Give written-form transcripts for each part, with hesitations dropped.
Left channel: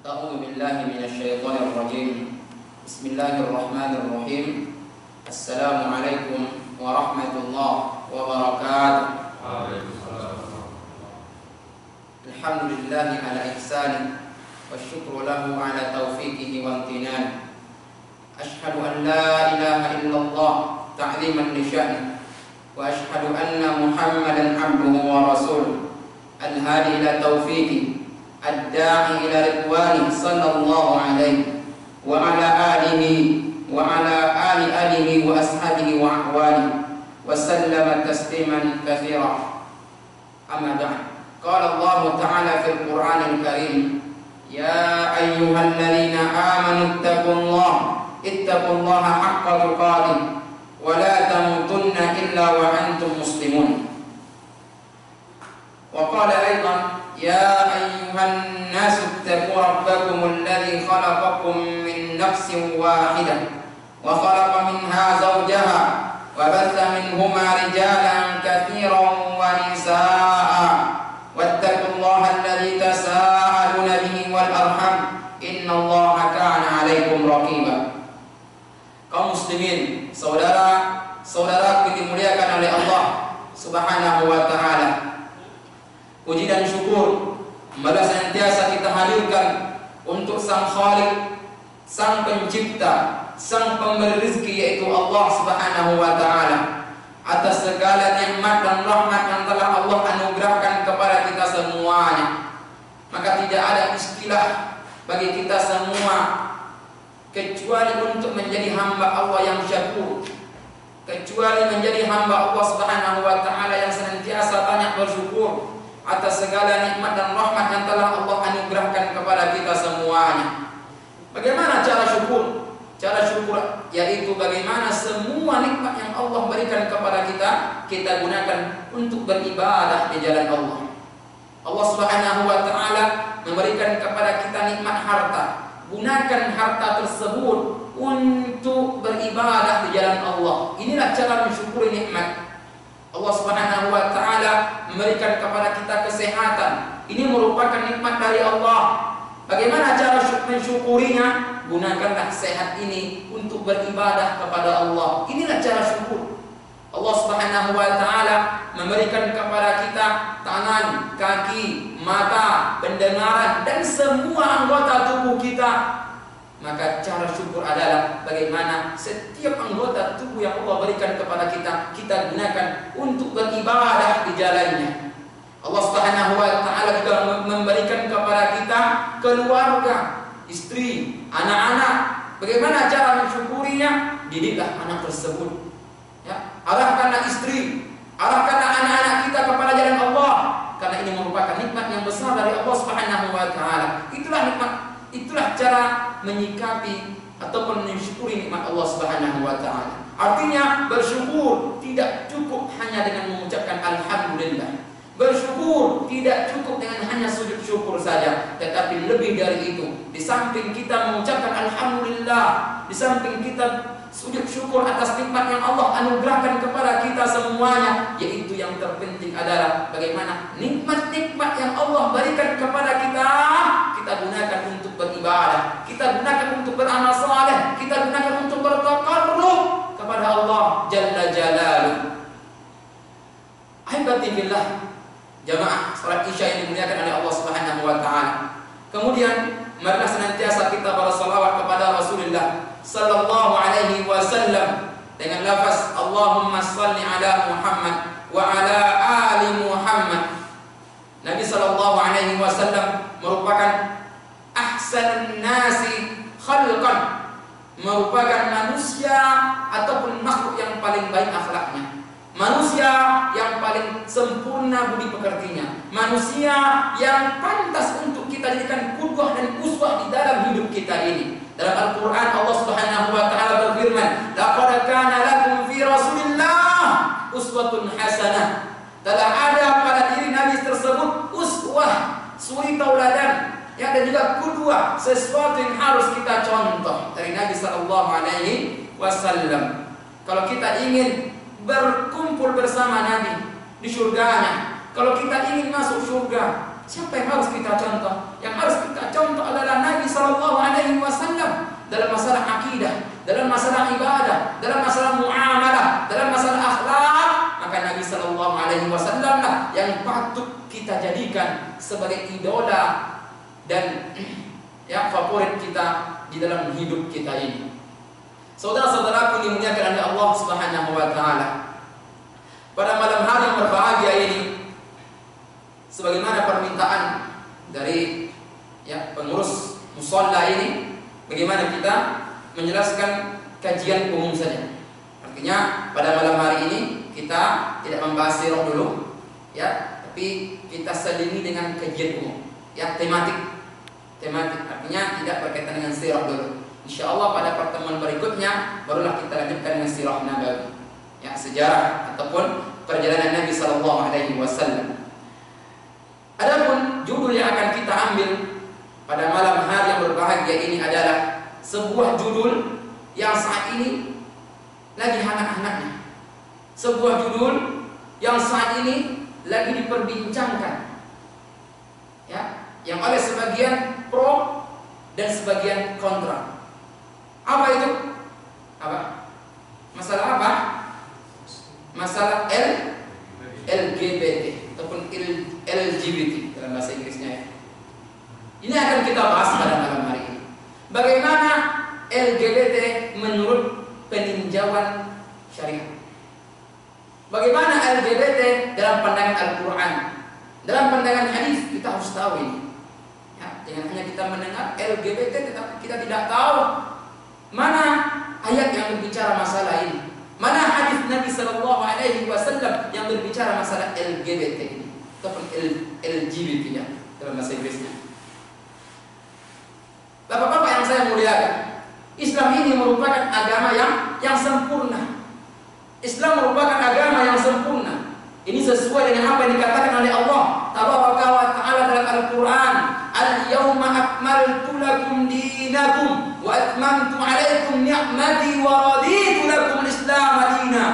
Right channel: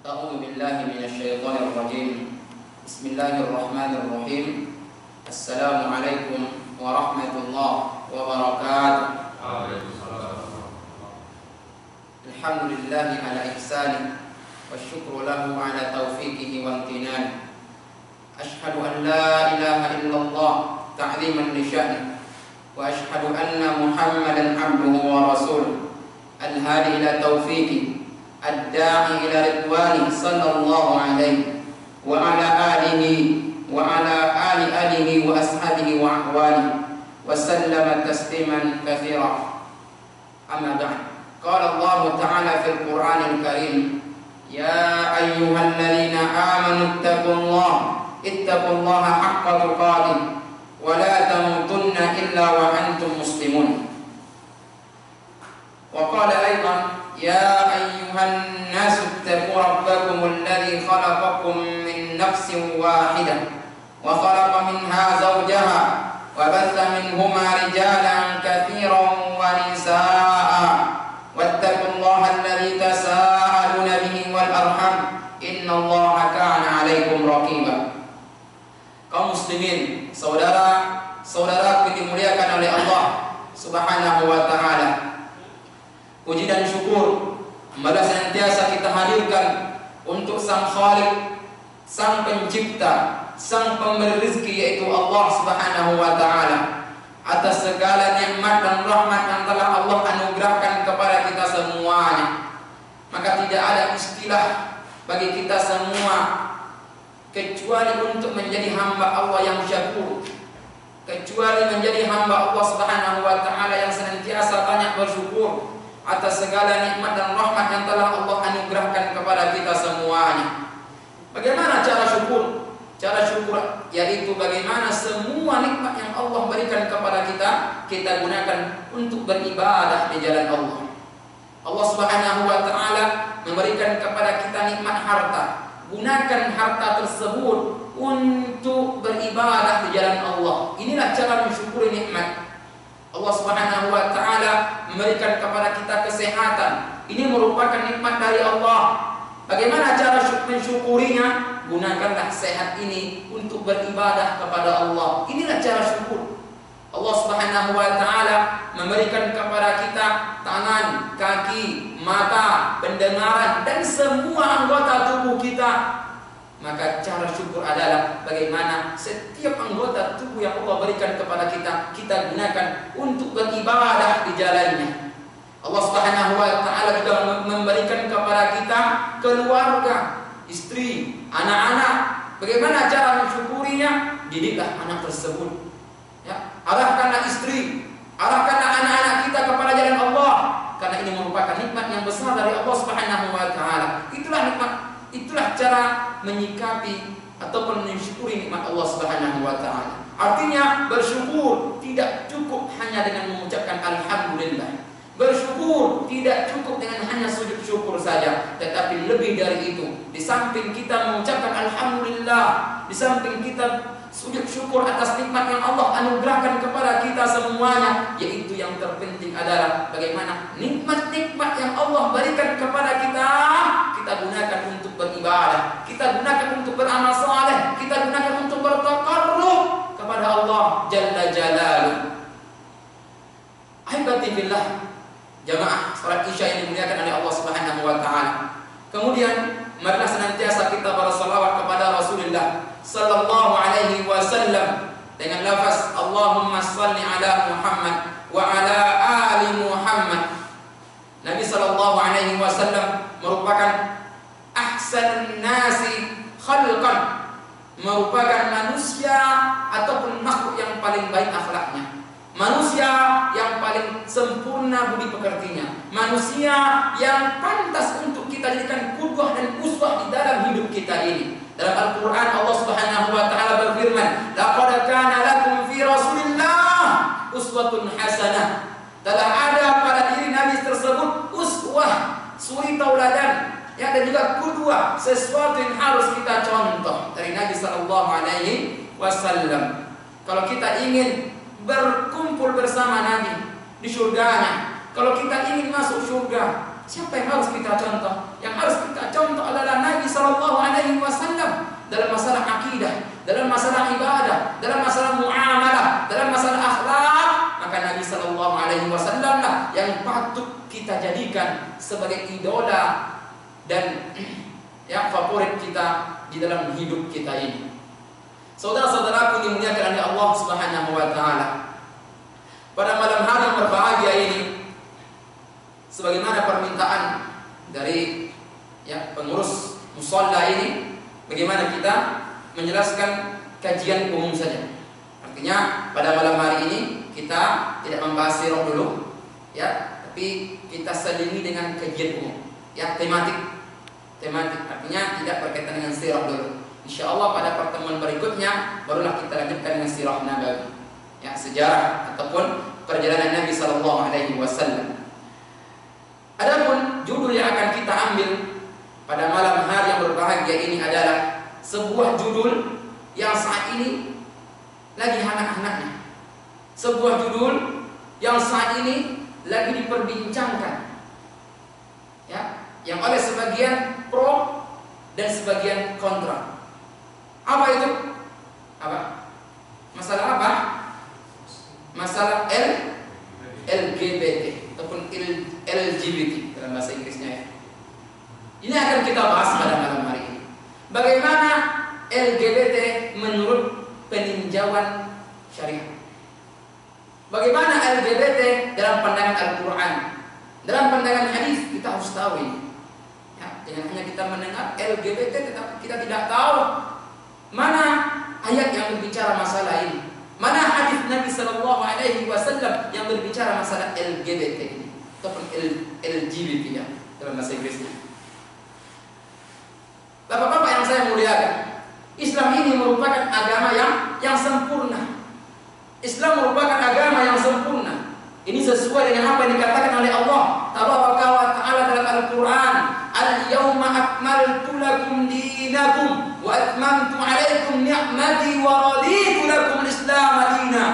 أعوذ بالله من الشيطان الرجيم. بسم الله الرحمن الرحيم. السلام عليكم ورحمة الله وبركاته. الحمد لله على إحسانه والشكر له على توفيقه وامتنانه. أشهد أن لا إله إلا الله تعظيما لشأنه، وأشهد أن محمدا عبده ورسوله الهادي إلى توفيقه الداعي إلى رضوانه صلى الله عليه وعلى آله وأصحابه وأحواله وسلم تسليما كثيرا. أما بعد، قال الله تعالى في القرآن الكريم: يا أيها الذين آمنوا اتقوا الله حق تقاته ولا تموتن إلا وأنتم مسلمون. وقال أيضا: يا أيها الناس اتقوا ربكم الذي خلقكم من نفس واحدة وخلق منها زوجها وبث منهما رجالا كثيرا ونساء واتقوا الله الذي تساءلون به والأرحام إن الله كان عليكم رقيبا. Kaum muslimin, saudara-saudara yang dimuliakan oleh Allah Subhanahu wa taala, puji dan syukur marilah senantiasa kita hadirkan untuk Sang Khalik, Sang Pencipta, Sang Pemberi rezeki, yaitu Allah Subhanahu wa taala, atas segala nikmat dan rahmat yang telah Allah anugerahkan kepada kita semuanya. Maka tidak ada istilah bagi kita semua kecuali untuk menjadi hamba Allah yang syakur, kecuali menjadi hamba Allah Subhanahu wa taala yang senantiasa banyak bersyukur atas segala nikmat dan rahmat yang telah Allah anugerahkan kepada kita semuanya. Bagaimana cara syukur? Cara syukur yaitu bagaimana semua nikmat yang Allah berikan kepada kita gunakan untuk beribadah di jalan Allah. Allah Subhanahu wa taala memberikan kepada kita nikmat harta. Gunakan harta tersebut untuk beribadah di jalan Allah. Inilah cara mensyukuri nikmat. Allah Subhanahu wa taala memberikan kepada kita kesehatan. Ini merupakan nikmat dari Allah. Bagaimana cara mensyukurinya? Gunakanlah sehat ini untuk beribadah kepada Allah. Inilah cara syukur. Allah Subhanahu wa taala memberikan kepada kita tangan, kaki, mata, pendengaran dan semua anggota tubuh kita. Maka cara syukur adalah bagaimana setiap anggota tubuh yang Allah berikan kepada kita gunakan untuk beribadah di jalannya. Allah Subhanahu wa taala juga memberikan kepada kita keluarga, istri, anak-anak. Bagaimana cara mensyukurinya? Didiklah anak tersebut. Ya, arahkanlah istri, arahkanlah anak-anak kita kepada jalan Allah, karena ini merupakan nikmat yang besar dari Allah Subhanahu wa taala. Itulah nikmat, itulah cara menyikapi ataupun mensyukuri nikmat Allah Subhanahu wa taala. Artinya bersyukur tidak cukup hanya dengan mengucapkan alhamdulillah. Bersyukur tidak cukup dengan hanya sujud syukur saja, tetapi lebih dari itu. Di samping kita mengucapkan alhamdulillah, di samping kita sujud syukur atas nikmat yang Allah anugerahkan kepada kita semuanya, yaitu yang terpenting adalah bagaimana nikmat-nikmat yang Allah berikan kepada kita gunakan untuk beribadah, kita gunakan untuk beramal saleh, kita gunakan untuk bertaqarrub kepada Allah Jalla Jalaluhu. Ahibati billah, jamaah salat Isya yang dimuliakan oleh Allah Subhanahu wa taala. Kemudian marilah senantiasa kita bersalawat kepada Rasulullah sallallahu alaihi wasallam dengan lafaz Allahumma shalli ala Muhammad wa ala ali Muhammad. Nabi sallallahu alaihi wasallam merupakan ahsanun nasi khalqan, merupakan manusia ataupun makhluk yang paling baik akhlaknya, manusia yang paling sempurna budi pekertinya, manusia yang pantas untuk kita jadikan qudwah dan uswah di dalam hidup kita ini. Dalam Al-Quran Allah Subhanahu wa taala berfirman, laqad kana lakum fi Rasulillah uswatun hasanah. Telah ada pada diri Nabi tersebut uswah, suri tauladan, ya, dan juga qudwah, sesuatu yang harus kita contoh dari Nabi sallallahu alaihi wasallam. Kalau kita ingin berkumpul bersama Nabi di surganya, kalau kita ingin masuk surga, siapa yang harus kita contoh? Yang harus kita contoh adalah Nabi masalah muamalah, dalam masalah akhlak, maka Nabi Sallallahu Alaihi Wasallam lah yang patut kita jadikan sebagai idola dan yang favorit kita di dalam hidup kita ini. Saudara-saudaraku dimuliakan oleh Allah Subhanahu wa taala. Pada malam hari yang berbahagia ini, sebagaimana permintaan dari pengurus musalla ini, bagaimana kita menjelaskan kajian umum saja. Artinya pada malam hari ini kita tidak membahas sirah dulu, tapi kita selingi dengan kajian umum, tematik. Artinya tidak berkaitan dengan sirah dulu. Insyaallah pada pertemuan berikutnya barulah kita lanjutkan dengan sirah nabawi, sejarah ataupun perjalanan Nabi Sallallahu Alaihi Wasallam. Adapun judul yang akan kita ambil pada malam hari yang berbahagia ini adalah sebuah judul yang saat ini lagi hangat-hangatnya. Sebuah judul yang saat ini lagi diperbincangkan, yang oleh sebagian pro dan sebagian kontra. Apa itu? Masalah apa? Masalah LGBT ataupun LGBT dalam bahasa Inggrisnya. Ini akan kita bahas pada malam hari ini. Bagaimana LGBT menurut peninjauan syariat? Bagaimana LGBT dalam pandangan Al-Quran? Dalam pandangan hadis kita harus tahu ini. Jangan hanya kita mendengar LGBT tetapi kita tidak tahu mana ayat yang berbicara masalah ini, mana hadis Nabi Sallallahu Alaihi Wasallam yang berbicara masalah LGBT ini ataupun LGBT dalam bahasa Inggrisnya. Bapak-bapak yang saya muliakan, Islam ini merupakan agama yang sempurna. Islam merupakan agama yang sempurna. Ini sesuai dengan apa yang dikatakan oleh Allah Tabaraka wa Ta'ala dalam Al-Quran. Al-yawma akmaltu lakum dinakum wa atmamtu alaikum ni'mati wa raditu lakum al-Islam dina.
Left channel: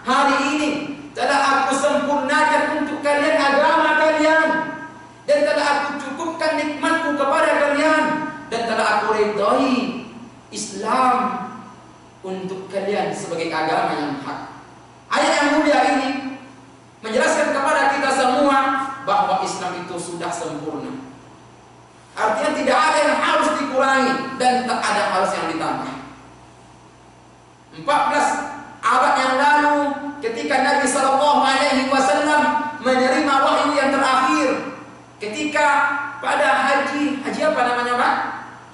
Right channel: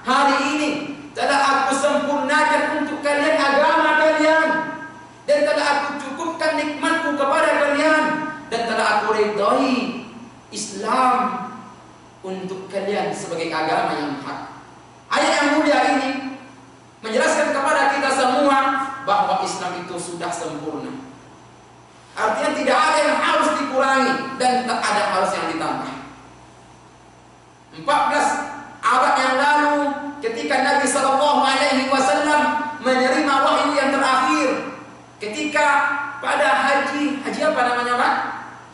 Hari ini telah aku sempurnakan untuk kalian agama kalian, dan telah aku cukupkan nikmatku kepada kalian, dan telah aku ridhai Islam untuk kalian sebagai agama yang hak. Ayat yang mulia ini menjelaskan kepada kita semua bahwa Islam itu sudah sempurna. Artinya tidak ada yang harus dikurangi dan tak ada harus yang ditambah. 14 abad yang lalu ketika Nabi Sallallahu Alaihi Wasallam menerima wahyu yang terakhir, ketika pada haji apa namanya Pak?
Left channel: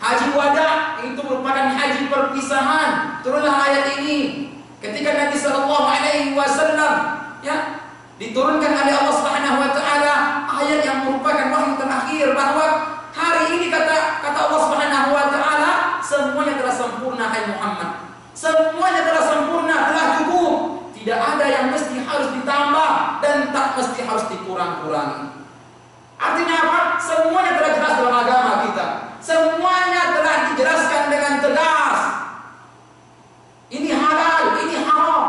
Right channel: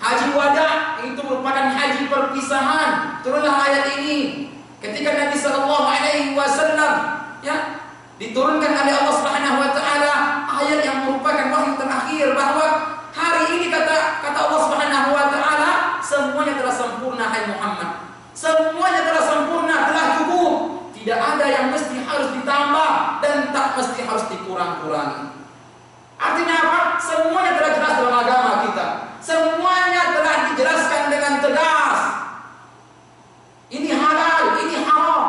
Haji wada, itu merupakan haji perpisahan, turunlah ayat ini. Ketika Nabi Sallallahu Alaihi Wasallam diturunkan oleh Allah Subhanahu Wa Taala ayat yang merupakan wahyu terakhir, bahwa hari ini kata Allah Subhanahu Wa Taala semuanya telah sempurna, hai Muhammad. Semuanya telah sempurna, telah cukup. Tidak ada yang mesti harus ditambah dan tak mesti harus dikurang-kurangi. Artinya apa? Semuanya telah jelas dalam agama kita. Semuanya telah dijelaskan dengan tegas. Ini halal, ini haram.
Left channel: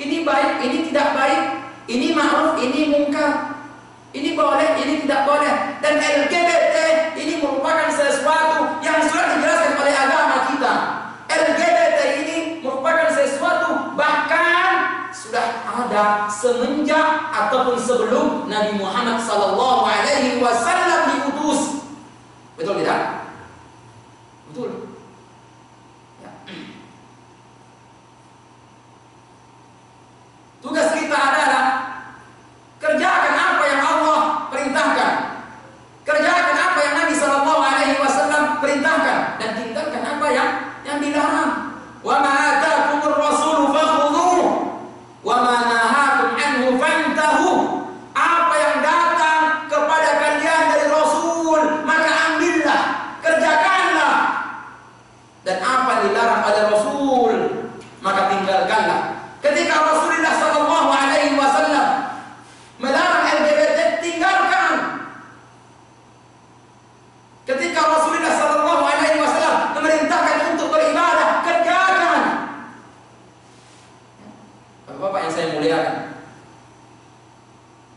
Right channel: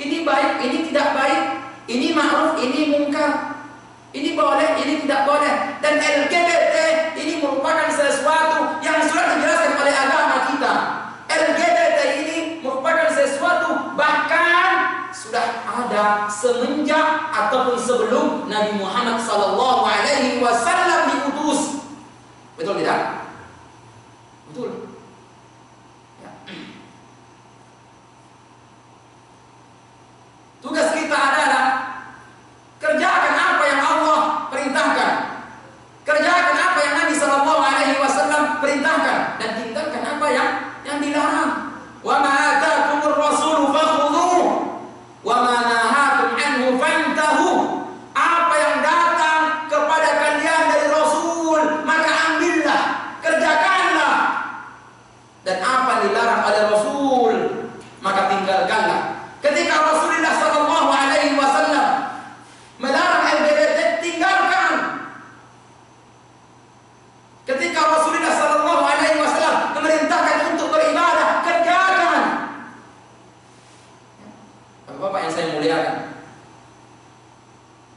Ini baik, ini tidak baik. Ini ma'ruf, ini mungkar. Ini boleh, ini tidak boleh. Dan LGBT ini merupakan sesuatu yang sudah dijelaskan oleh agama kita. LGBT ini merupakan sesuatu bahkan sudah ada semenjak ataupun sebelum Nabi Muhammad Sallallahu Alaihi Wasallam diutus. Betul tidak? Betul. Tugas kita adalah kerjakan apa yang Allah perintahkan, kerjakan apa yang Nabi Sallallahu Alaihi Wasallam perintahkan, dan tinggalkan apa yang dilarang. Wa ma ataakumur rasul fakhudhuhu wa ma nahakum anhu fantahu. Apa yang datang kepada kalian dari Rasul maka ambillah, kerjakanlah, dan apa yang dilarang oleh Rasul maka tinggalkanlah. Ketika Rasulullah Sallallahu Alaihi Wasallam melarang LGBT, tinggalkan. Ketika Rasulullah Sallallahu Alaihi Wasallam memerintahkan untuk beribadah, kerjakan. Bapak-bapak yang saya muliakan,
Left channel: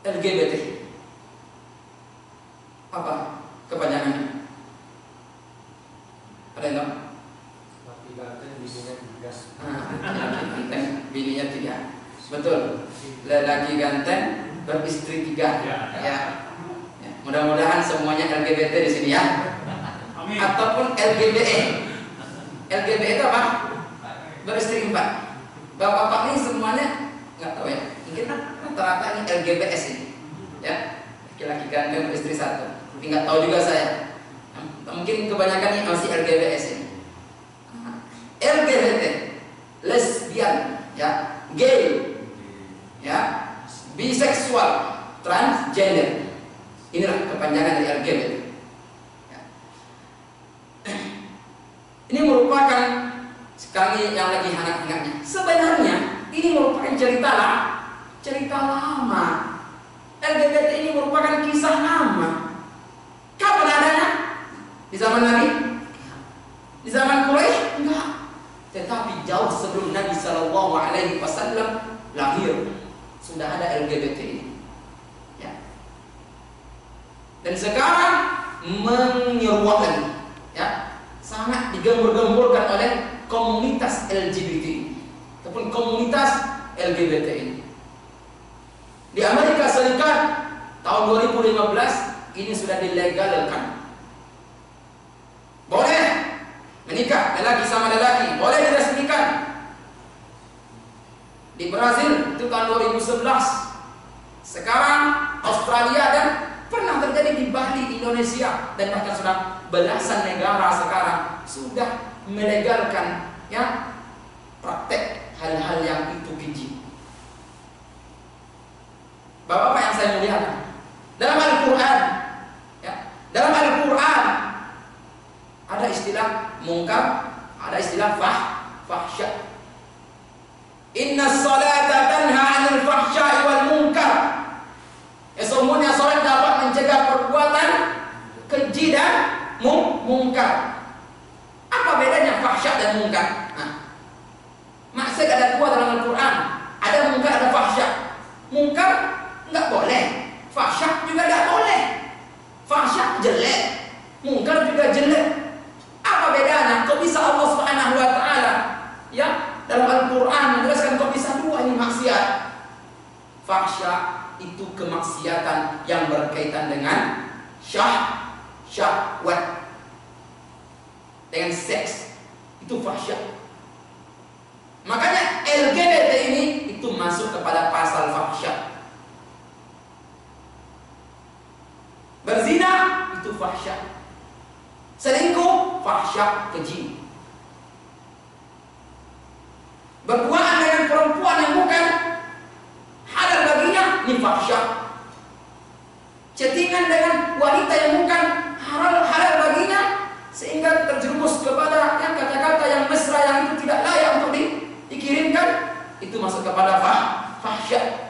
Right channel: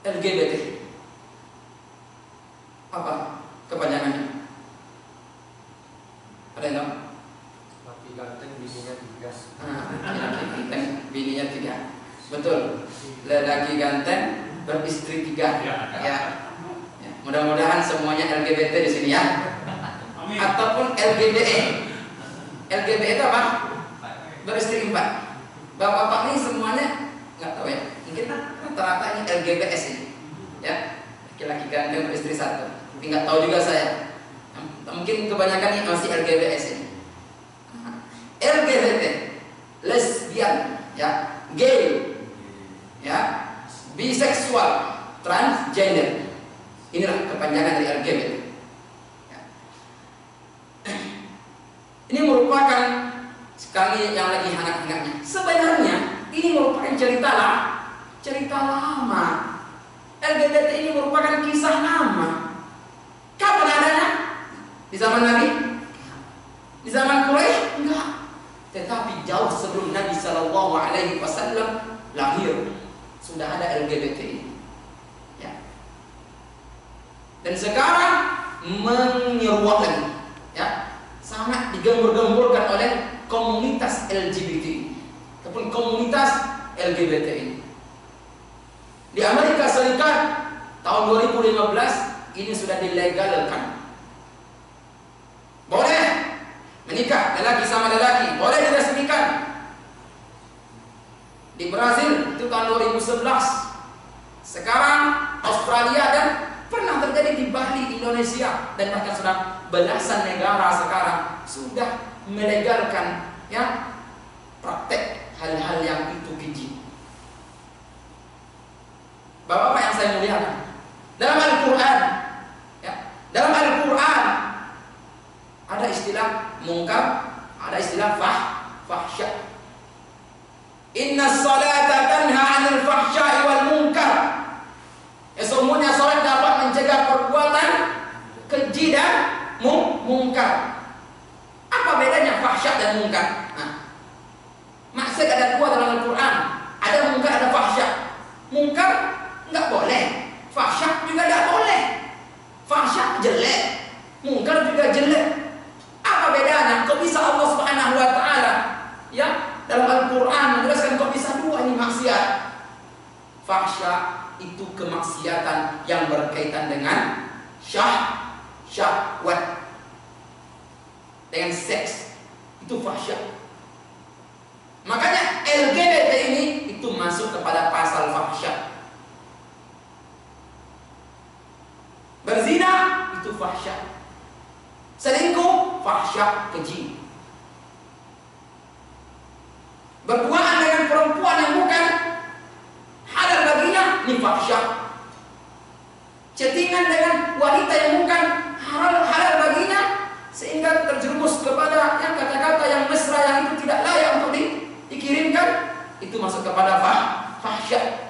LGBT apa kepanjangannya? Ada yang tahu? Laki ganteng bininya 3. Laki ganteng bininya 3. Betul. Lelaki ganteng beristri 3. Ya. Mudah-mudahan semuanya LGBT di sini ya. Amin. Ataupun LGBE. LGBE itu apa? Beristri 4. Bapak-bapak ini semuanya nggak tahu ya. Mungkin rata-rata ini LGBS ini. Ya. Laki-laki ganteng beristri 1. Tapi nggak tahu juga saya. Mungkin kebanyakan ini masih LGBS ini. LGBT, lesbian, ya, gay, ya, biseksual, transgender. Inilah kepanjangan dari LGBT. Ya. Ini merupakan sekali yang lagi hangat-hangatnya. Sebenarnya ini merupakan cerita lama. LGBT ini merupakan kisah lama. Kapan adanya? Di zaman Nabi? Di zaman Quraisy? Enggak. Tetapi jauh sebelum Nabi Shallallahu Alaihi Wasallam lahir sudah ada LGBT ini. Ya. Dan sekarang menyeruak lagi, ya, sangat digembur-gemburkan oleh komunitas LGBT ataupun komunitas LGBT ini. Di Amerika Serikat tahun 2015 ini sudah dilegalkan. Boleh menikah lelaki sama lelaki, boleh diresmikan. Di Brazil itu tahun 2011. Sekarang Australia dan pernah terjadi di Bali, Indonesia, dan bahkan sudah belasan negara sekarang sudah melegalkan, ya, praktek hal-hal yang itu keji. Bapak-bapak yang saya muliakan, dalam Al-Quran, ya, dalam Al-Quran ada istilah mungkar, ada istilah fahsya. Inna salata tanha 'anil fahsya'i wal munkar. Sesungguhnya salat dapat mencegah perbuatan keji dan mungkar. Apa bedanya fahsya dan mungkar? Maksud ada 2 dalam Al-Quran. Ada mungkar, ada fahsya. Mungkar enggak boleh, fahsya juga enggak boleh. Fahsya jelek, mungkar juga jelek. Apa bedanya? Kok bisa Allah Subhanahu wa taala, ya, dalam Al-Quran menjelaskan kok bisa 2 ini maksiat? Fahsya itu kemaksiatan yang berkaitan dengan syahwat, dengan seks. Itu fahsya. Makanya LGBT ini itu masuk kepada pasal fahsya. Berzina itu fahsya. Selingkuh fahsya, keji. Berduaan dengan perempuan yang bukan halal baginya, ini fahsya. Chattingan dengan wanita yang bukan halal baginya sehingga terjerumus kepada yang kata-kata yang mesra yang itu tidak layak untuk dikirimkan, itu masuk kepada fahsya.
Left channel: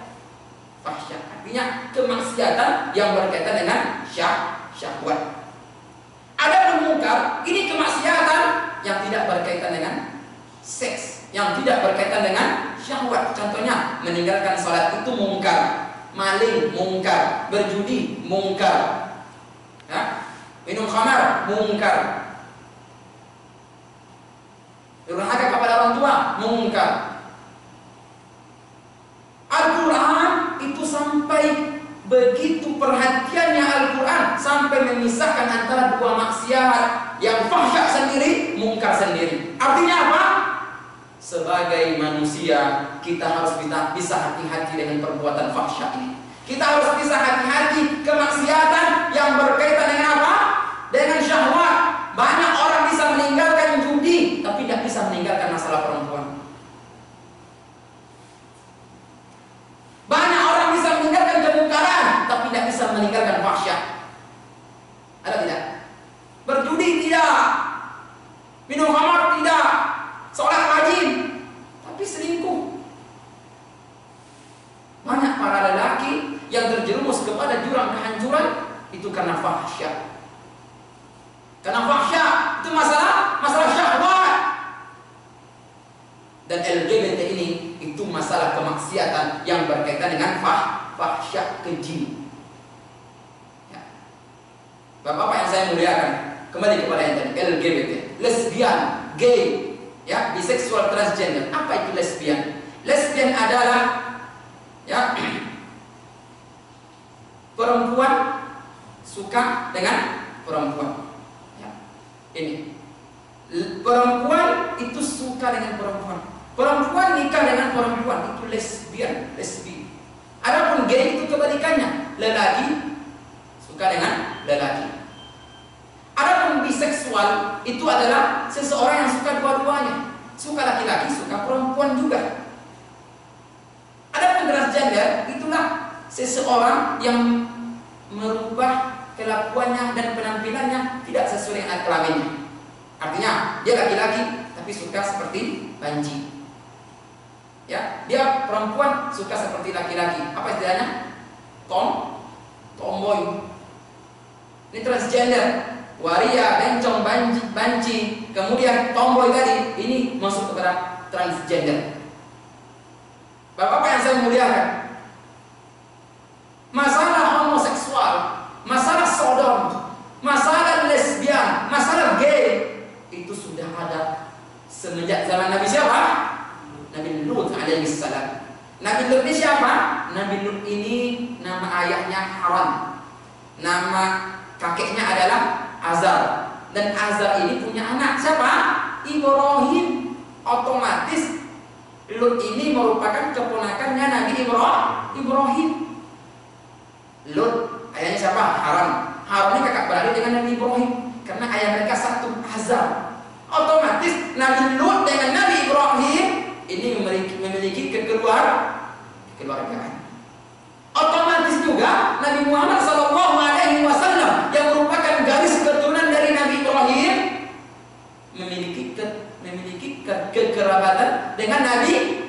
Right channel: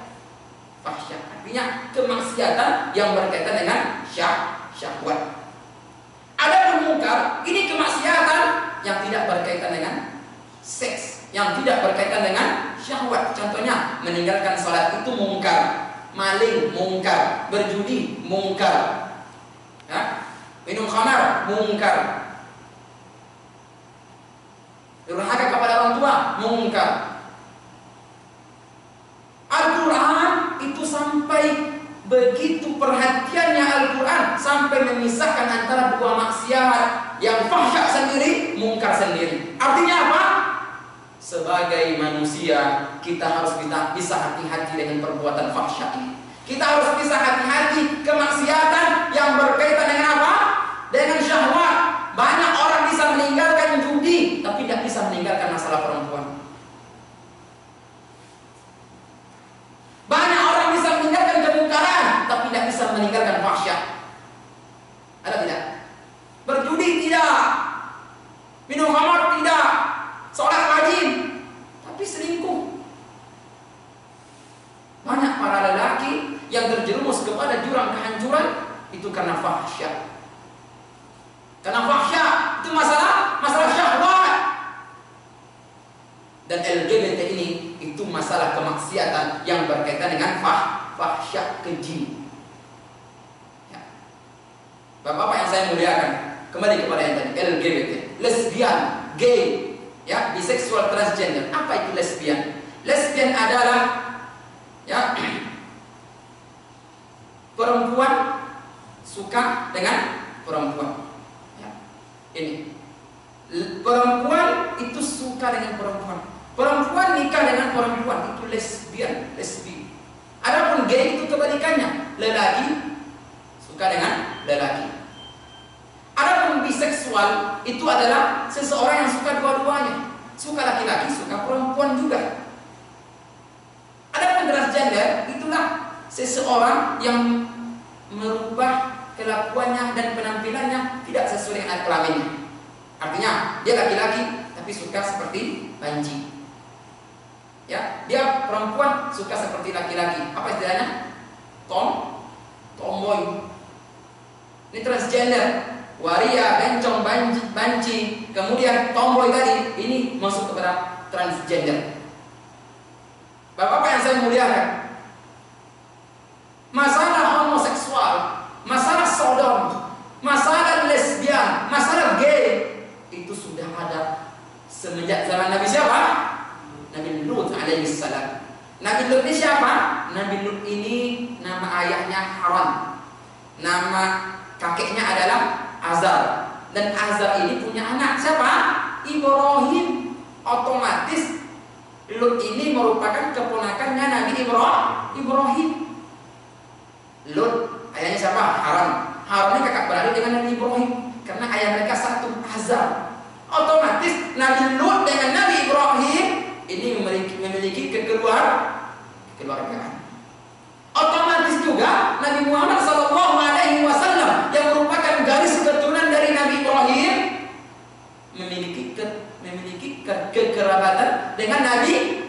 Fahsya artinya kemaksiatan yang berkaitan dengan syahwat. Ada mungkar, ini kemaksiatan yang tidak berkaitan dengan seks, yang tidak berkaitan dengan syahwat. Contohnya meninggalkan sholat itu mungkar, maling mungkar, berjudi mungkar, ya? Minum khamar mungkar, durhaka kepada orang tua mungkar. Al-Quran itu sampai begitu perhatiannya Al-Quran sampai memisahkan antara 2 maksiat, yang fahsya sendiri, mungkar sendiri. Artinya apa? Sebagai manusia kita harus bisa hati-hati dengan perbuatan fahsya ini. Kita harus bisa hati-hati kemaksiatan yang berkaitan dengan apa? Dengan syahwat. Banyak orang bisa meninggalkan judi tapi tidak bisa meninggalkan masalah perempuan. Banyak orang bisa meninggalkan kemungkaran tapi tidak bisa meninggalkan fahsya. Ada tidak? Berjudi tidak, minum khamar tidak, sholat rajin tapi selingkuh. Banyak para lelaki yang terjerumus kepada jurang kehancuran itu karena fahsya. Karena fahsya itu masalah syahwat. Dan LGBT ini itu masalah kemaksiatan yang berkaitan dengan fahsya, keji. Ya. Bapak-bapak yang saya muliakan, kembali kepada yang tadi, LGBT, lesbian, gay, ya, biseksual, transgender. Apa itu lesbian? Lesbian adalah ya perempuan suka dengan perempuan. Ya. Ini perempuan itu suka dengan perempuan. Perempuan nikah dengan perempuan, itu lesbian, lesbi. Adapun gay itu kebalikannya, lelaki suka dengan lelaki. Adapun biseksual itu adalah seseorang yang suka dua-duanya, suka laki-laki, suka perempuan juga. Adapun transgender itulah seseorang yang merubah kelakuannya dan penampilannya tidak sesuai dengan kelaminnya. Artinya dia laki-laki tapi suka seperti banci. Ya, dia perempuan suka seperti laki-laki. Apa istilahnya? Tomboy. Ini transgender. Waria, bencong, banci, kemudian tomboy tadi, ini masuk kepada transgender. Bapak-bapak yang saya muliakan, masalah homoseksual, masalah sodom, masalah lesbian, masalah gay, itu sudah ada semenjak zaman Nabi siapa? Nabi Lut alaihissalam. Nabi Lut ini siapa? Nabi Lut ini nama ayahnya Haran, nama kakeknya adalah Azar, dan Azar ini punya anak siapa? Ibrahim. Otomatis Lut ini merupakan keponakannya Nabi Ibrahim. Lut ayahnya siapa? Haran. Haran ini kakak beradik dengan Nabi Ibrahim karena ayah mereka satu, Azar. Otomatis Nabi Lut dengan Nabi Ibrahim ini memiliki kekeluargaan. Otomatis juga Nabi Muhammad SAW yang merupakan garis keturunan dari Nabi Ibrahim memiliki kekerabatan dengan Nabi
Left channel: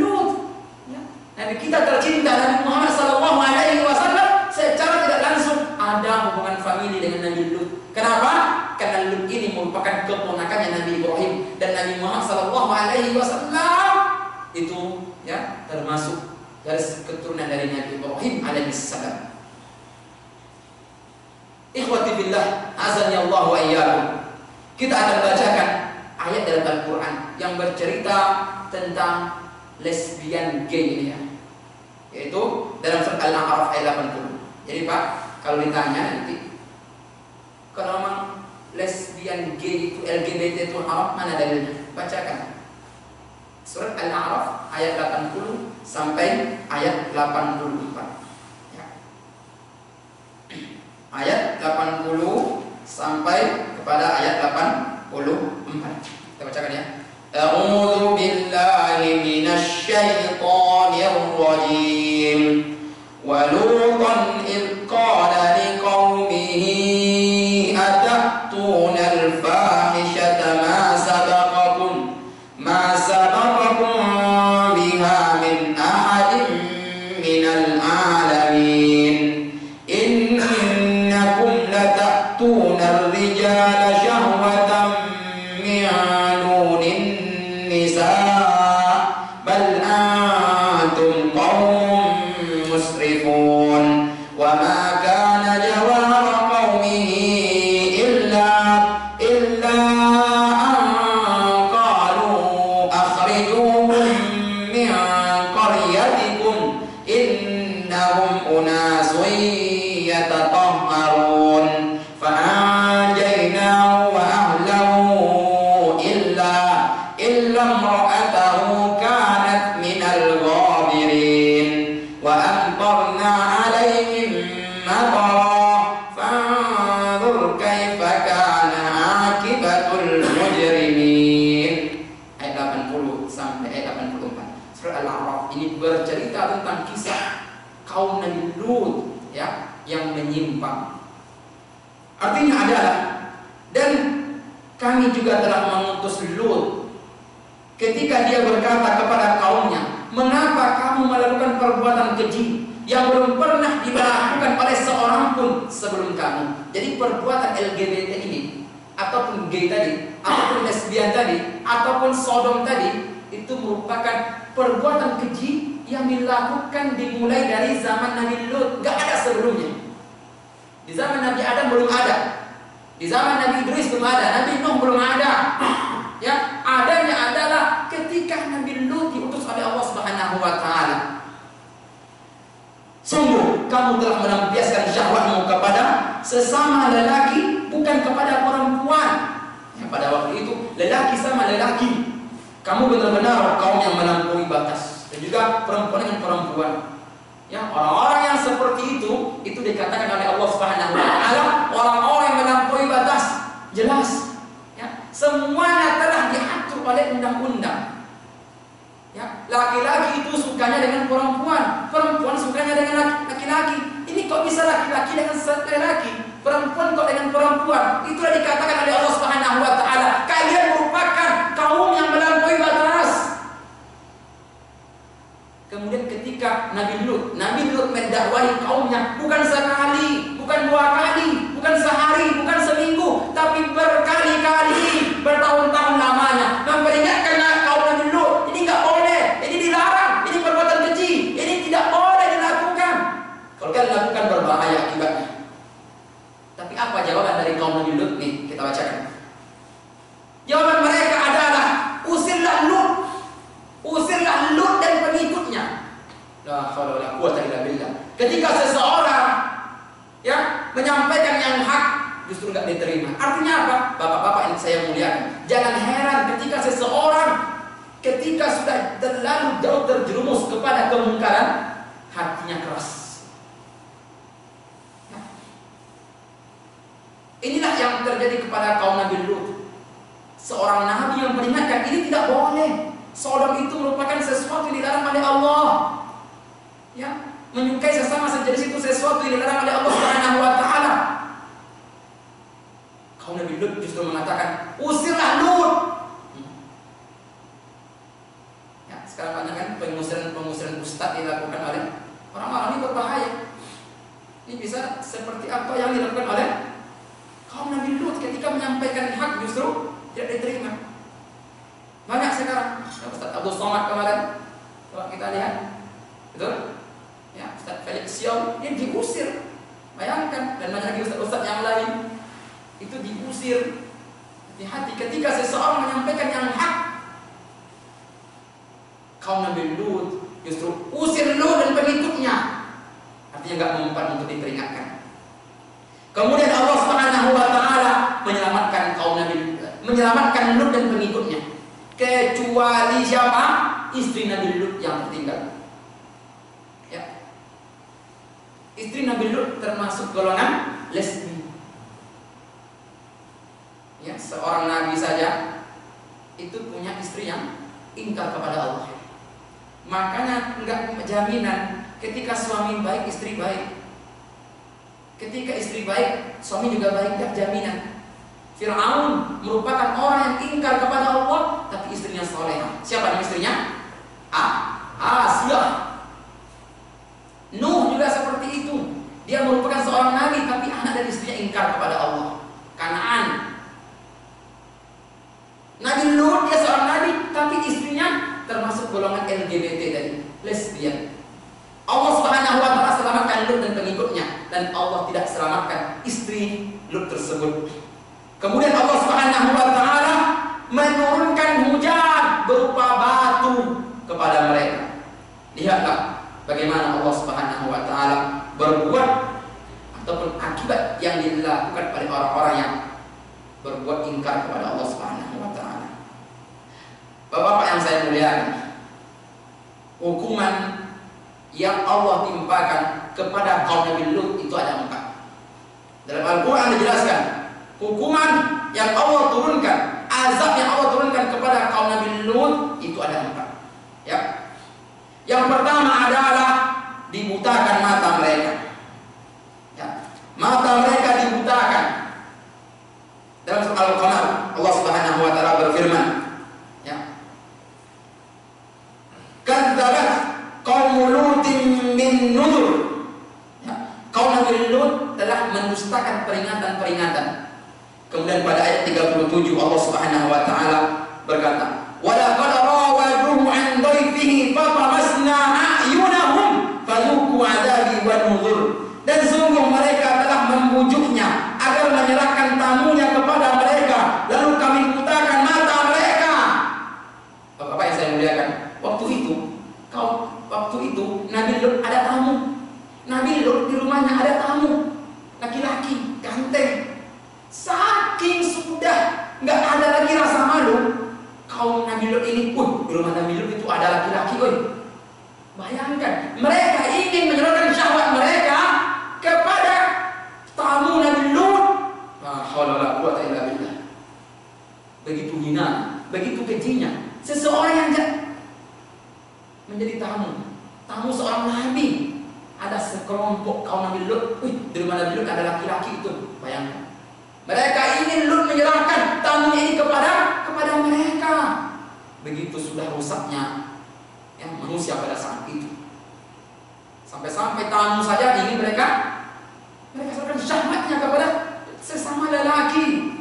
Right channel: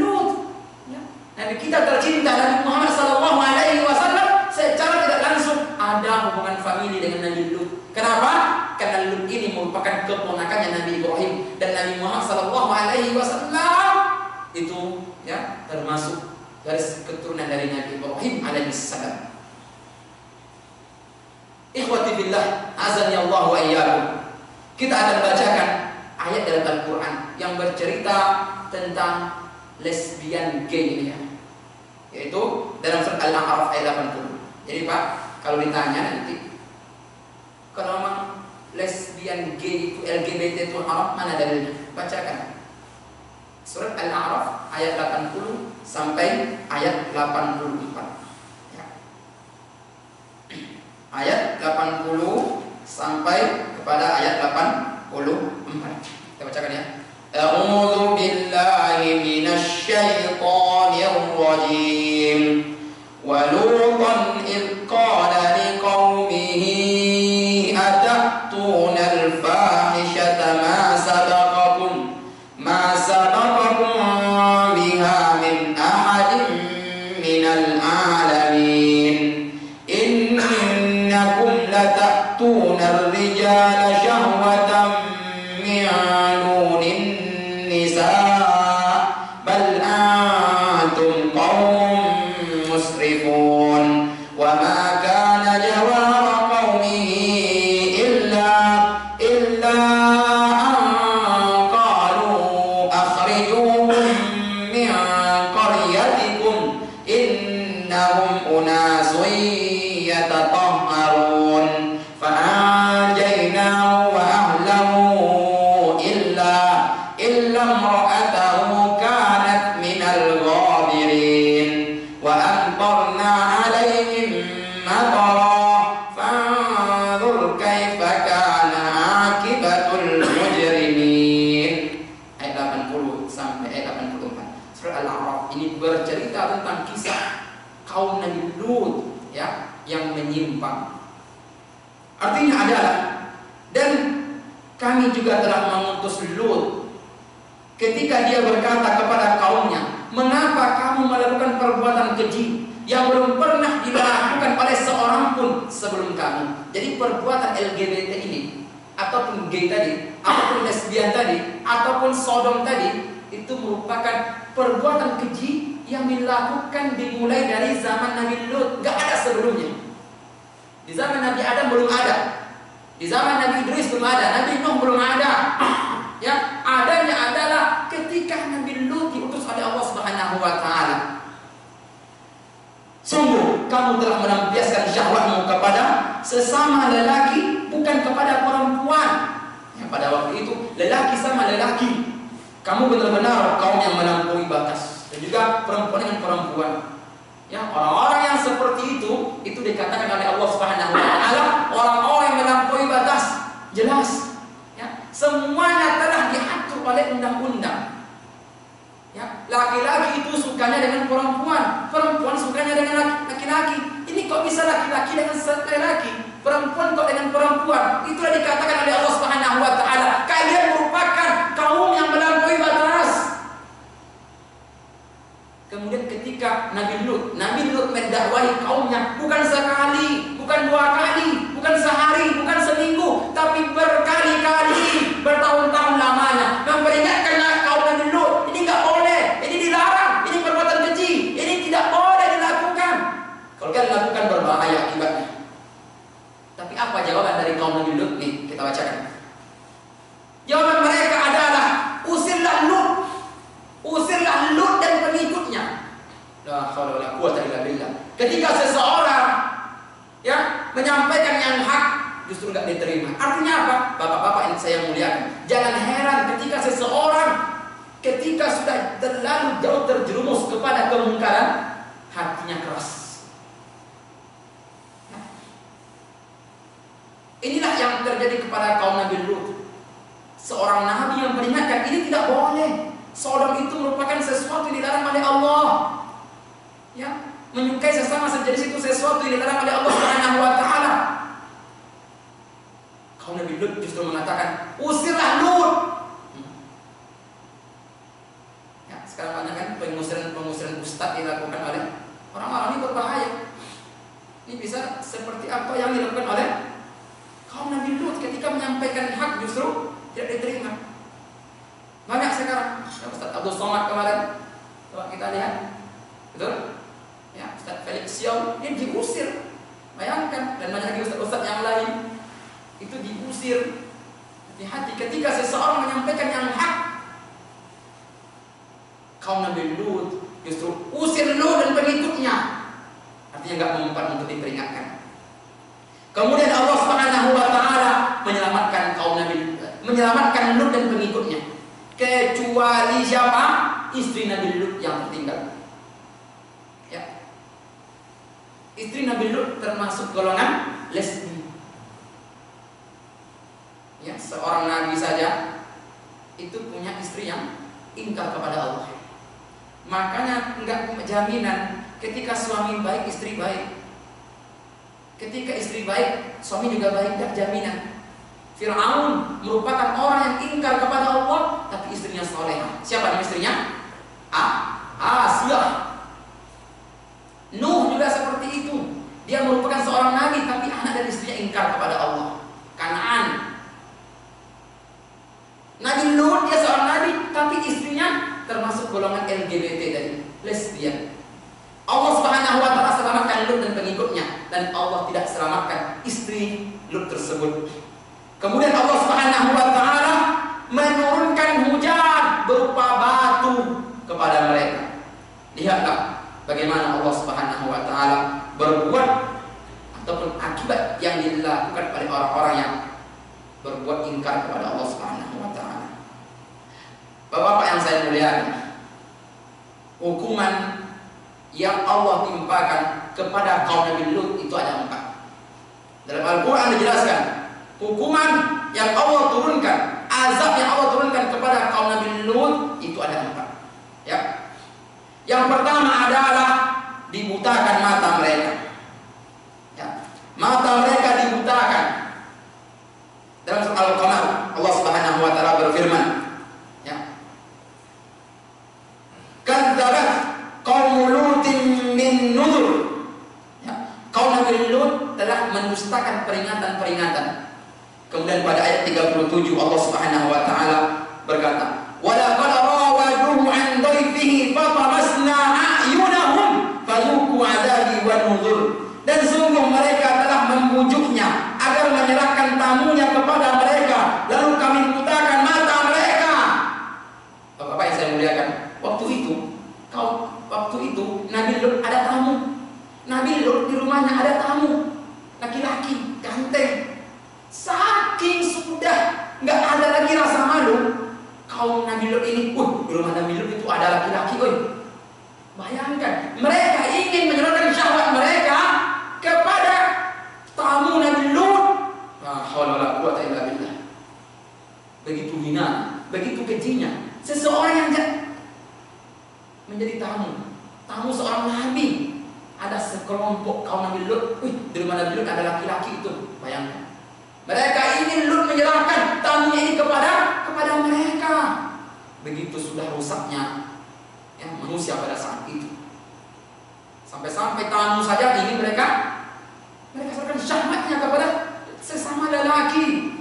Lut. Ya. Nabi kita tercinta Nabi Muhammad SAW secara tidak langsung ada hubungan famili dengan Nabi Lut. Kenapa? Karena Lut ini merupakan keponakannya Nabi Ibrahim, dan Nabi Muhammad SAW itu ya termasuk garis keturunan dari Nabi Ibrahim alaihissalam. Ikhwati billah, azani Allah wa iyyakum. Kita akan bacakan ayat dalam Al-Quran yang bercerita tentang lesbian gay ini ya. Yaitu dalam surat Al-A'raf ayat 80. Jadi Pak, kalau ditanya nanti, kalau memang lesbian gay itu LGBT itu haram, mana dalilnya? Bacakan. Surat Al-A'raf ayat 80 sampai ayat 84. Ya. Ayat 80 sampai kepada ayat 84. Kita bacakan ya. A'udzu billahi minasy syaithanir rajim. Wa lutan id qala liqaumihi atatuna al-fahishata ma sabaqakum biha min ahadin minal alamin. Innakum latatuna ar-rijala syahwatan min dunin nisa bal antum qaumun musrifun. Wa ma kana jawaba qaumihi illa an qalu akhrijuhum min qaryatikum innahum unasun yatatahharun. Fa'anjaynahu wa ahlahu illa imra'atahu kanat minal ghabirin wa amtarna 'alaihim matara fanzur kaifa kana 'aqibatul mujrimin. Ayat 80 sampai ayat 84. Surah Al-A'raf ini bercerita tentang kisah kaum Nabi Lut ya yang menyimpang. Artinya adalah, dan kami juga telah mengutus Lut ketika dia berkata kepada kaumnya, mengapa kamu melakukan perbuatan keji yang belum pernah dilakukan oleh seorang pun sebelum kamu. Jadi perbuatan LGBT ini, ataupun gay tadi, ataupun lesbian tadi, ataupun sodom tadi, itu merupakan perbuatan keji yang dilakukan dimulai dari zaman Nabi Lut. Gak ada sebelumnya. Di zaman Nabi Adam belum ada, di zaman Nabi Idris belum ada, Nabi Nuh belum ada. Ya, adanya lelaki, bukan kepada perempuan. Ya, pada waktu itu lelaki sama lelaki. Kamu benar-benar kaum yang melampaui batas. Dan juga perempuan dengan perempuan. Ya, orang-orang yang seperti itu dikatakan oleh Allah Subhanahu wa taala orang-orang yang melampaui batas. Jelas. Ya, semuanya telah diatur oleh undang-undang. Ya, laki-laki itu sukanya dengan perempuan, perempuan sukanya dengan laki-laki. Ini kok bisa laki-laki dengan laki-laki, perempuan kok dengan perempuan? Itulah dikatakan oleh Allah Subhanahu wa taala, kalian merupakan kaum yang melampaui batas. Kemudian ketika Nabi Lut mendakwahi kaumnya bukan sekali, bukan dua kali, bukan sehari, bukan seminggu, tapi berkali-kali, bertahun-tahun lamanya memperingatkan kaum Nabi Lut, ini enggak boleh, ini dilarang, ini perbuatan keji, ini tidak boleh dilakukan. Kalau kalian lakukan berbahaya akibatnya. Tapi apa jawaban dari kaum Nabi Lut nih? Kita bacakan. Jawaban mereka adalah usirlah Lut dan pengikutnya. La haula wala quwwata illa billah. Ketika seseorang ya menyampaikan yang hak justru nggak diterima. Artinya apa? Bapak-bapak yang saya muliakan, jangan heran ketika seseorang sudah terlalu jauh terjerumus kepada kemungkaran, hatinya keras. Inilah yang terjadi kepada kaum Nabi Lut. Seorang nabi yang memperingatkan ini tidak boleh. Sodom itu merupakan sesuatu yang dilarang oleh Allah. Ya, menyukai sesama sejenis itu sesuatu yang dilarang oleh Allah Subhanahu wa taala. Kaum Nabi Lut justru mengatakan, "Usirlah Lut." Ya, sekarang banyak kan pengusiran ustaz dilakukan oleh orang-orang ini berbahaya. Ini bisa seperti apa yang dilakukan oleh kaum Nabi Lut ketika menyampaikan hak justru tidak diterima. Banyak sekarang. Ya, Ustaz Abdul Somad kemarin, coba kita lihat, betul? Ya, Ustaz Felix Xiao ini diusir. Bayangkan, dan banyak lagi ustaz-ustaz yang lain itu diusir. Hati-hati ketika seseorang menyampaikan yang hak. Kaum Nabi Lut justru usir Lut dan pengikutnya. Artinya enggak mempan untuk diperingatkan. Kemudian Allah Subhanahu wa taala menyelamatkan Lut dan pengikutnya. Kecuali siapa? Istri Nabi Lut yang tertinggal. Ya. Istri Nabi Lut termasuk golongan lesbi. Ya, seorang nabi saja itu punya istri yang ingkar kepada Allah. Makanya enggak jaminan ketika suami baik istri baik. Ketika istri baik, suami juga baik, tidak jaminan. Fir'aun merupakan orang yang ingkar kepada Allah, tapi istrinya solehah. Siapa nama istrinya? Asia. Nuh juga seperti itu. Dia merupakan seorang nabi, tapi anak dan istrinya ingkar kepada Allah. Kanaan. Nabi Lut dia seorang nabi, tapi istrinya termasuk golongan LGBT tadi, lesbian. Allah Subhanahu wa taala selamatkan Lut dan pengikutnya, dan Allah tidak selamatkan istri Lut tersebut. Kemudian Allah Subhanahu wa taala menurunkan hujan berupa batu kepada mereka. Lihatlah bagaimana Allah Subhanahu wa taala berbuat ataupun akibat yang dilakukan oleh orang-orang yang berbuat ingkar kepada Allah Subhanahu wa taala. Bapak-bapak yang saya muliakan, hukuman yang Allah timpakan kepada kaum Nabi Lut itu ada 4. Dalam Al-Quran dijelaskan hukuman yang Allah turunkan, azab yang Allah turunkan kepada kaum Nabi Lut itu ada 4. Ya. Yang pertama adalah dibutakan mata mereka. Ya. Mata mereka dibutakan. Dalam surah Al-Qamar Allah Subhanahu wa taala berfirman, ya. Kadzabat qaum Lutin min nuzur. Ya. Kaum Nabi Lut telah mendustakan peringatan-peringatan. Kemudian pada ayat 37 Allah Subhanahu wa taala berkata, "Wa laqad rawaduhu 'an dhayfihi fatamasna a'yunahum fadhuqu 'adzabi wa nuzur." Dan sungguh mereka telah membujuknya agar menyerahkan tamunya kepada mereka, lalu kami butakan mata mereka. Bapak-bapak yang saya muliakan, waktu itu Nabi Lut ada tamu. Nabi Lut di rumahnya ada tamu, laki-laki ganteng. begitu hina, begitu kejinya. Seseorang yang menjadi tamu seorang nabi. Ada sekelompok kaum Nabi Lut. Di rumah Nabi Lut ada laki-laki itu. Bayangkan. Mereka ingin Lut menyerahkan tamunya ini kepada mereka. Begitu sudah rusaknya manusia pada saat itu. Sampai-sampai tamu saja ingin mereka serahkan syahwatnya kepada sesama lelaki.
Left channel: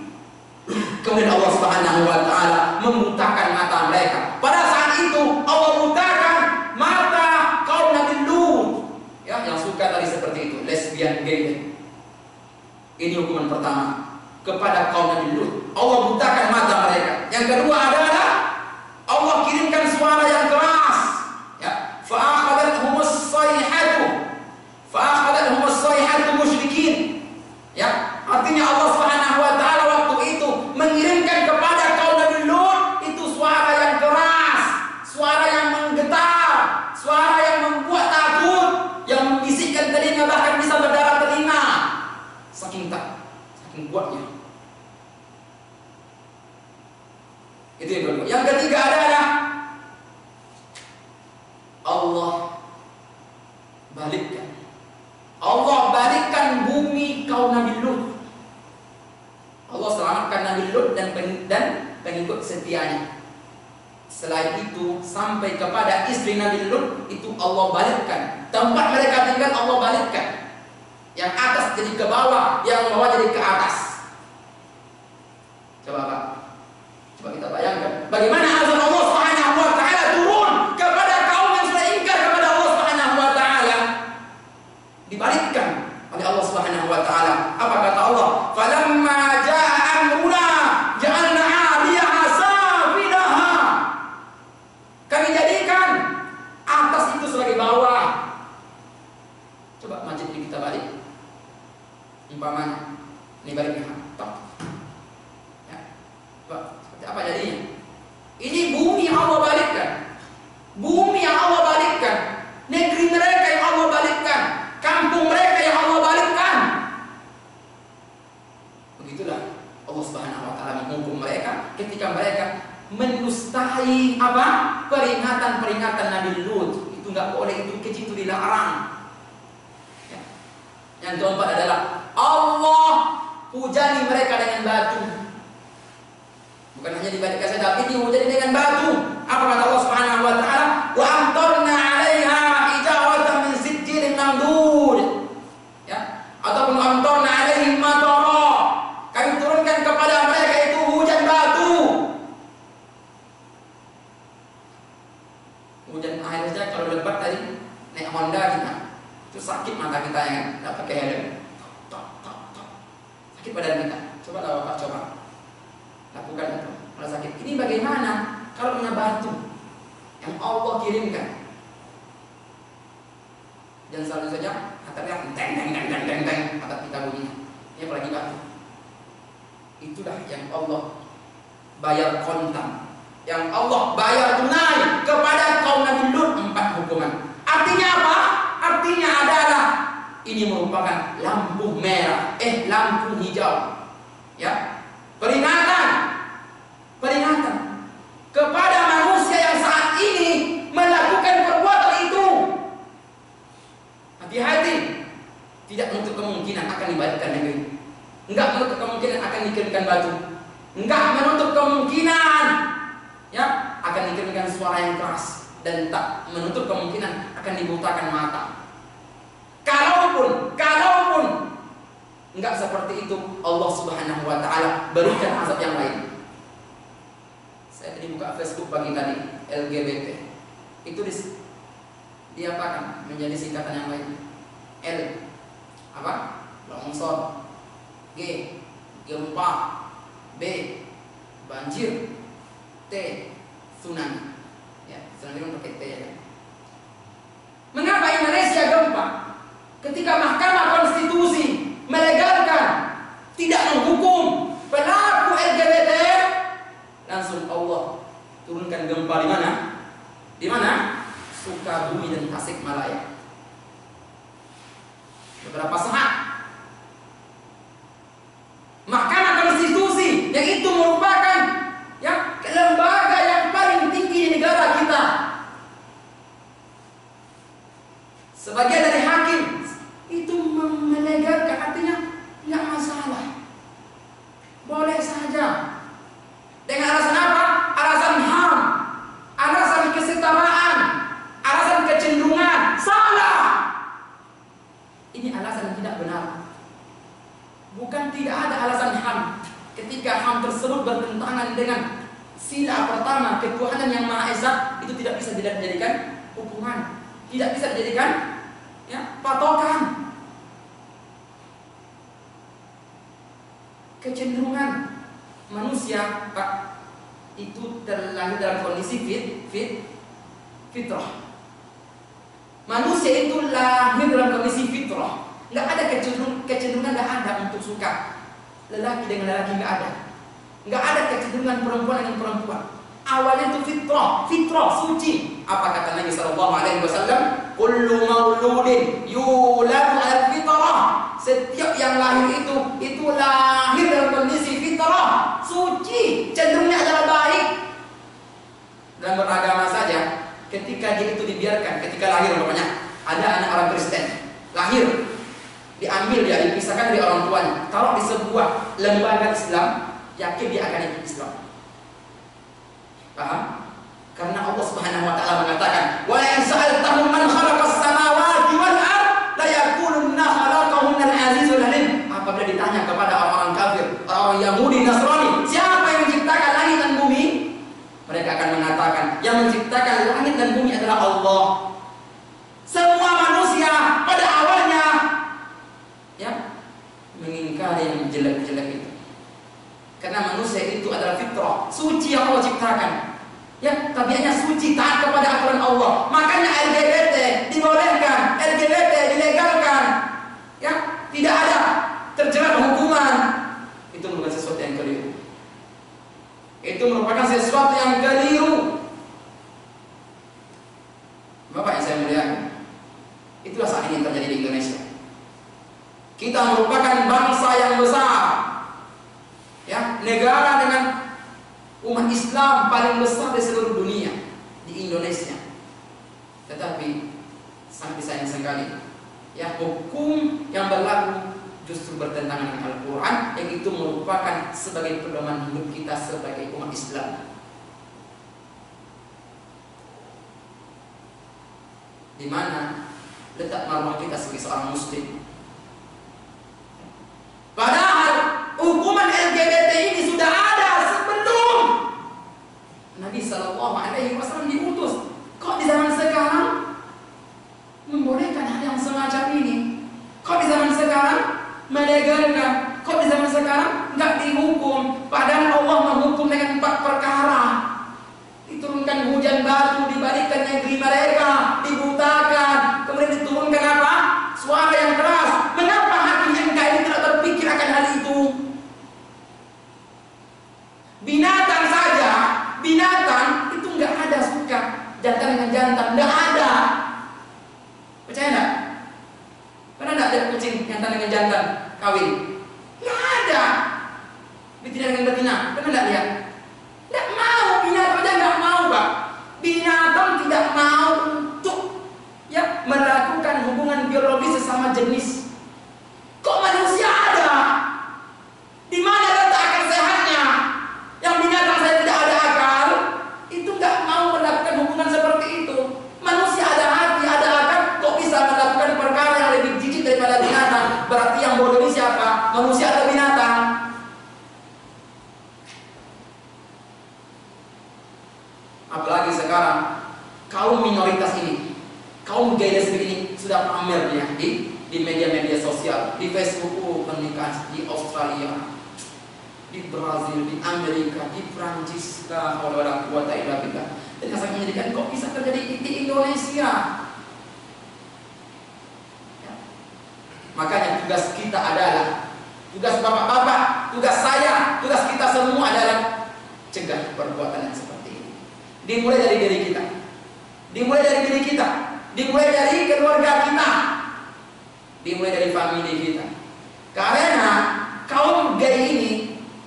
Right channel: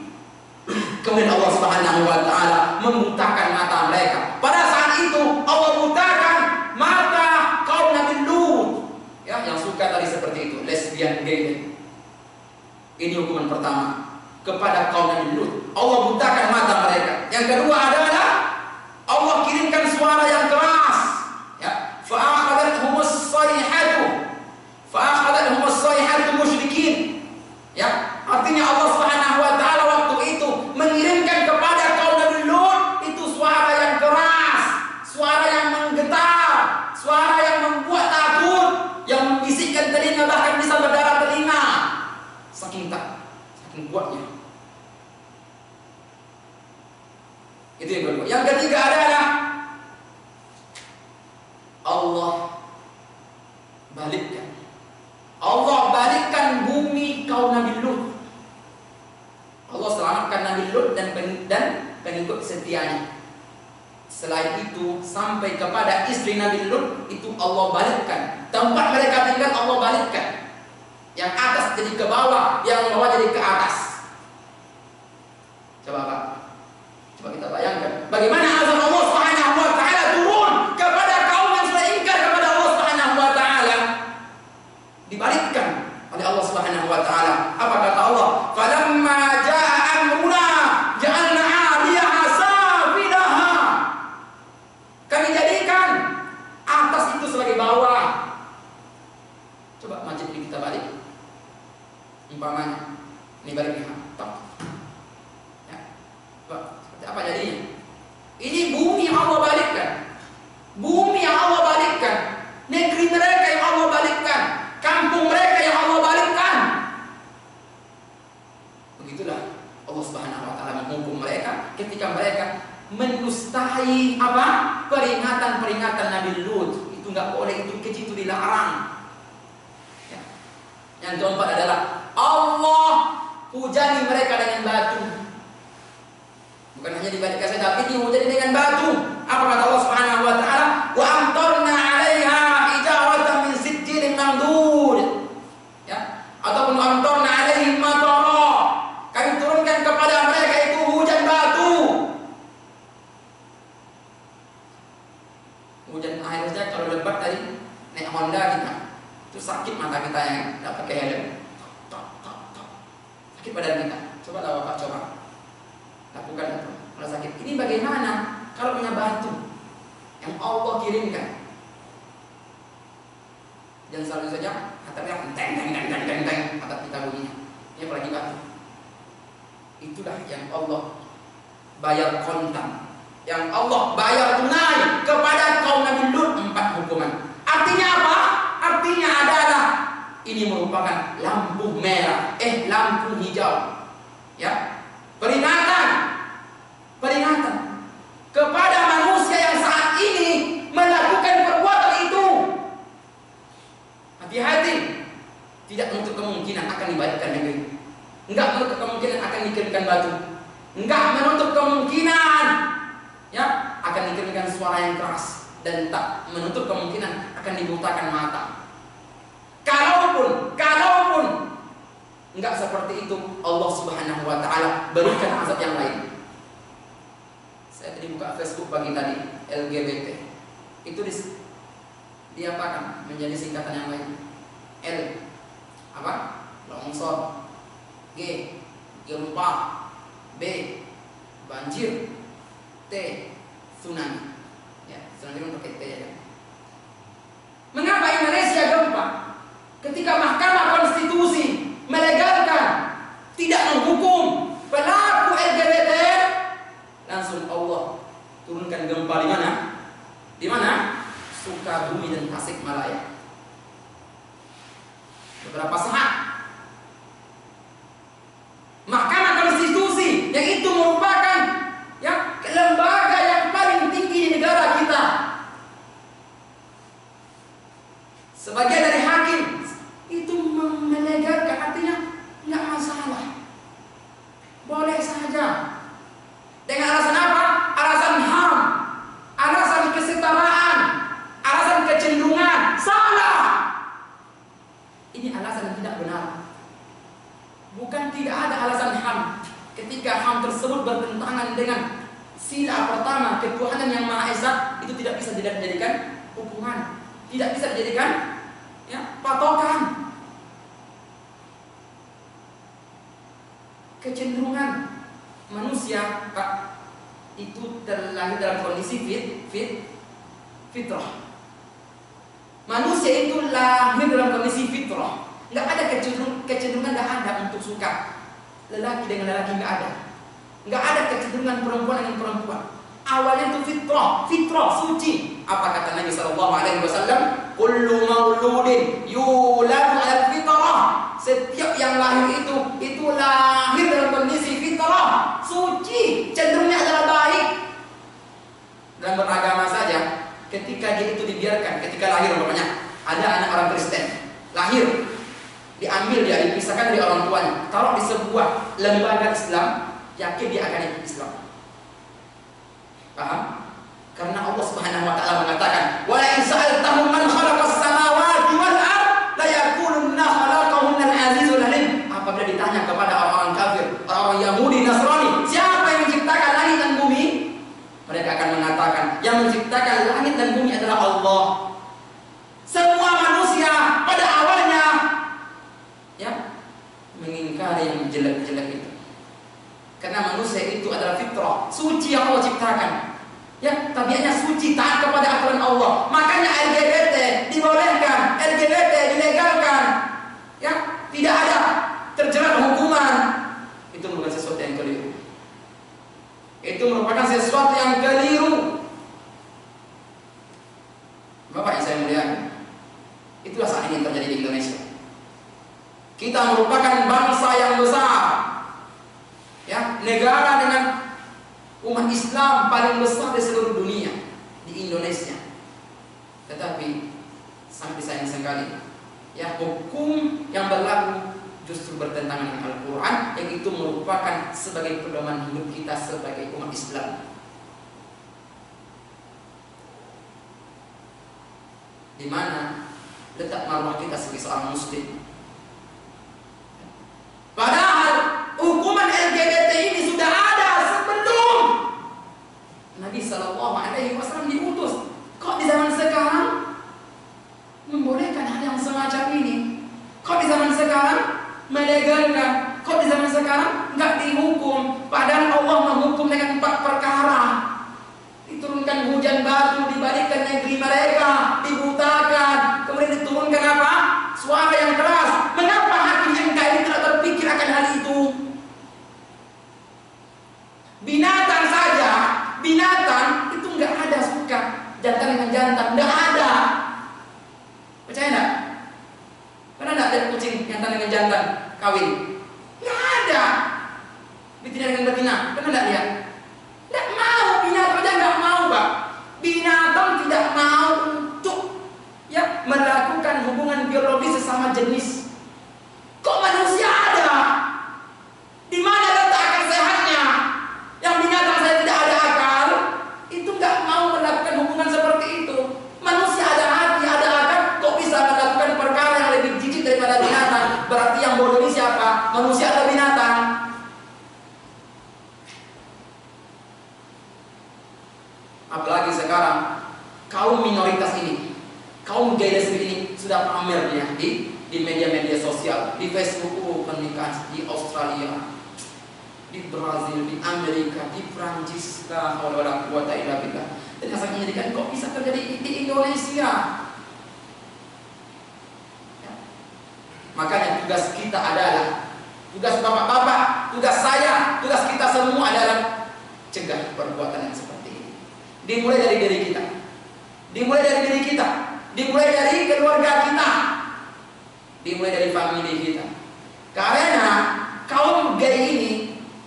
Kemudian Allah Subhanahu wa taala membutakan mata mereka. Pada saat itu Allah butakan mata kaum Nabi Lut. Yang suka tadi seperti itu, lesbian, gay. Ini hukuman pertama kepada kaum Nabi Lut. Allah butakan mata mereka. Yang kedua adalah Allah kirimkan suara yang keras. Fa'akhadhathumus sayhatu musyrikin. Artinya Allah Subhanahu wa taala waktu itu mengirimkan kepada kaum Nabi Lut itu suara yang keras, suara yang menggetar, suara yang membuat takut, yang membisikkan telinga, bahkan bisa berdarah telinga. Saking kuatnya. Itu yang kedua. Yang ketiga adalah Allah balikkan bumi kaum Nabi Lut. Allah selamatkan Nabi Lut dan pengikut setianya. Selain itu sampai kepada istri Nabi Lut itu Allah balikkan. Tempat mereka tinggal Allah balikkan. Yang atas jadi ke bawah, yang bawah jadi ke atas. Coba kita bayangkan bagaimana azab Allah Subhanahu wa taala turun kepada kaum yang sudah ingkar kepada Allah Subhanahu wa taala. Dibalikkan oleh Allah Subhanahu wa taala. Apa kata Allah? Falamma jaa amruna ja'alna 'aliyaha safilaha. Kami jadikan atas itu sebagai bawah. Coba masjid ini kita balik. Umpamanya ini baliknya. Seperti apa jadinya? Ini bumi yang Allah balikkan. Bumi yang Allah balikkan. Negeri mereka yang Allah balikkan. Kampung mereka yang Allah balikkan. Begitulah Allah Subhanahu wa taala menghukum mereka ketika mereka mendustai peringatan Nabi Lut. Itu enggak boleh, itu keji, itu dilarang. Yang keempat adalah Allah hujani mereka dengan batu. Bukan hanya dibalikkan saja, tapi dihujani dengan batu. Apa kata Allah Subhanahu wa taala? Wa amtarna 'alaiha hijaratan min sijilin mamdud. Ataupun amtarna 'alaihim matara. Kami turunkan kepada mereka itu hujan batu. Hujan air saja kalau lebat tadi naik Honda kita. Itu sakit mata kita yang enggak pakai helm. Sakit badan kita. Coba Bapak coba. Lakukan itu. Kalau sakit. Ini bagaimana kalau punya batu yang Allah kirimkan? Dan selalu saja atapnya teng atap kita bunyinya. Ini apalagi batu. Itulah yang Allah bayar kontan, yang Allah bayar tunai kepada kaum Nabi Lut 4 hukuman. Artinya apa? Artinya adalah ini merupakan lampu merah, lampu hijau. Peringatan kepada manusia yang saat ini melakukan perbuatan itu. Hati-hati, tidak menutup kemungkinan akan dibalikkan negeri. Enggak menutup kemungkinan akan dikirimkan batu. Enggak menutup kemungkinan akan dikirimkan suara yang keras, dan tak menutup kemungkinan akan dibutakan mata. Kalaupun enggak seperti itu, Allah Subhanahu wa taala berikan azab yang lain. Saya tadi buka Facebook pagi tadi, LGBT. Itu diapakan menjadi singkatan yang lain. L longsor, G gempa, B banjir, T tsunami. Tsunami pakai T ya. Mengapa Indonesia gempa? Ketika Mahkamah Konstitusi melegalkan, tidak menghukum pelaku LGBT, langsung Allah turunkan gempa di mana? Di mana? Sukabumi dan Tasikmalaya. Beberapa saat Mahkamah Konstitusi yang itu merupakan kecenderungan. Sila pertama, ketuhanan yang Maha Esa itu tidak bisa dijadikan hukuman, tidak bisa dijadikan patokan. Kecenderungan manusia, Pak, itu terlahir dalam kondisi fitrah. Manusia itu lahir dalam kondisi fitrah. Nggak ada kecenderungan, nggak ada untuk suka lelaki dengan lelaki, nggak ada. Nggak ada kecenderungan perempuan dengan perempuan. Awalnya itu fitrah, suci. Apa kata Nabi Sallallahu Alaihi Wasallam? Kullu mauludin yuladu ala fitrah. Setiap yang lahir itu lahir dalam kondisi fitrah, suci, cenderungnya adalah baik. Dalam beragama saja, ketika dia itu dibiarkan, ketika lahir umpamanya ada anak orang Kristen lahir, diambil dia, dipisahkan dari orang tuanya, taruh di sebuah lembaga Islam, yakin dia akan ikut Islam. Paham? Karena Allah Subhanahu wa taala mengatakan, "Wa la in sa'altahum man khalaqas samawati wal ard la yaqulunna khalaqahunna al-azizul alim." Apabila ditanya kepada orang-orang kafir, orang-orang Yahudi, Nasrani, siapa yang menciptakan langit dan bumi? Mereka akan mengatakan, yang menciptakan langit dan bumi adalah Allah. Semua manusia pada awalnya mengingkari yang jelek-jelek itu. Karena manusia itu adalah fitrah, suci yang Allah ciptakan. Tabiatnya suci, taat kepada aturan Allah. Makanya LGBT dibolehkan, LGBT dilegalkan. Tidak ada terjerat hukuman. Itu merupakan sesuatu yang keliru. Bapak yang saya muliakan, itulah saat ini yang terjadi di Indonesia. Kita merupakan bangsa yang besar, negara dengan umat Islam paling besar di seluruh dunia, di Indonesia. Tetapi sangat disayang sekali, hukum yang berlaku justru bertentangan dengan Al-Quran, yang itu merupakan sebagai pedoman hidup kita sebagai umat Islam. Di mana letak marwah kita sebagai seorang Muslim? Padahal hukuman LGBT ini sudah ada sebelum Nabi Sallallahu Alaihi Wasallam diutus. Kok di zaman sekarang membolehkan hal yang semacam ini? Kok di zaman sekarang melegalkan? Kok di zaman sekarang nggak dihukum? Padahal Allah menghukum dengan 4 perkara. Diturunkan hujan batu, dibalikkan negeri mereka, dibutakan, kemudian diturunkan apa? Suara yang keras. Mengapa hakim MK ini tidak berpikir akan hal itu? Binatang saja, binatang itu nggak ada suka jantan dengan jantan, nggak ada. Percaya nggak? Pernah nggak ada kucing jantan dengan jantan kawin? Nggak ada. Betina dengan betina, pernah nggak lihat? Nggak mau, binatang aja nggak mau, Pak. Binatang tidak mau untuk melakukan hubungan biologis sesama jenis. Kok manusia ada? Di mana letak akal sehatnya? Yang binatang saya tidak ada akal, itu nggak mau melakukan hubungan seperti itu. Manusia ada hati, ada akal, kok bisa melakukan perkara yang lebih jijik daripada binatang? Berarti yang bodoh ini siapa? Manusia atau binatang? Apalagi sekarang kaum minoritas ini, kaum gay lesbi ini sudah pamer di media-media sosial, di Facebook, pernikahan di Australia, di Brazil, di Amerika, di Prancis, la haula wala quwata illa billah. Dan yang sangat menyedihkan, kok bisa terjadi di Indonesia? Makanya tugas kita adalah, tugas bapak-bapak, tugas saya, tugas kita semua adalah cegah perbuatan yang seperti ini. Dimulai dari diri kita, dimulai dari diri kita, dimulai dari keluarga kita, dimulai dari famili kita. Karena kaum gay ini,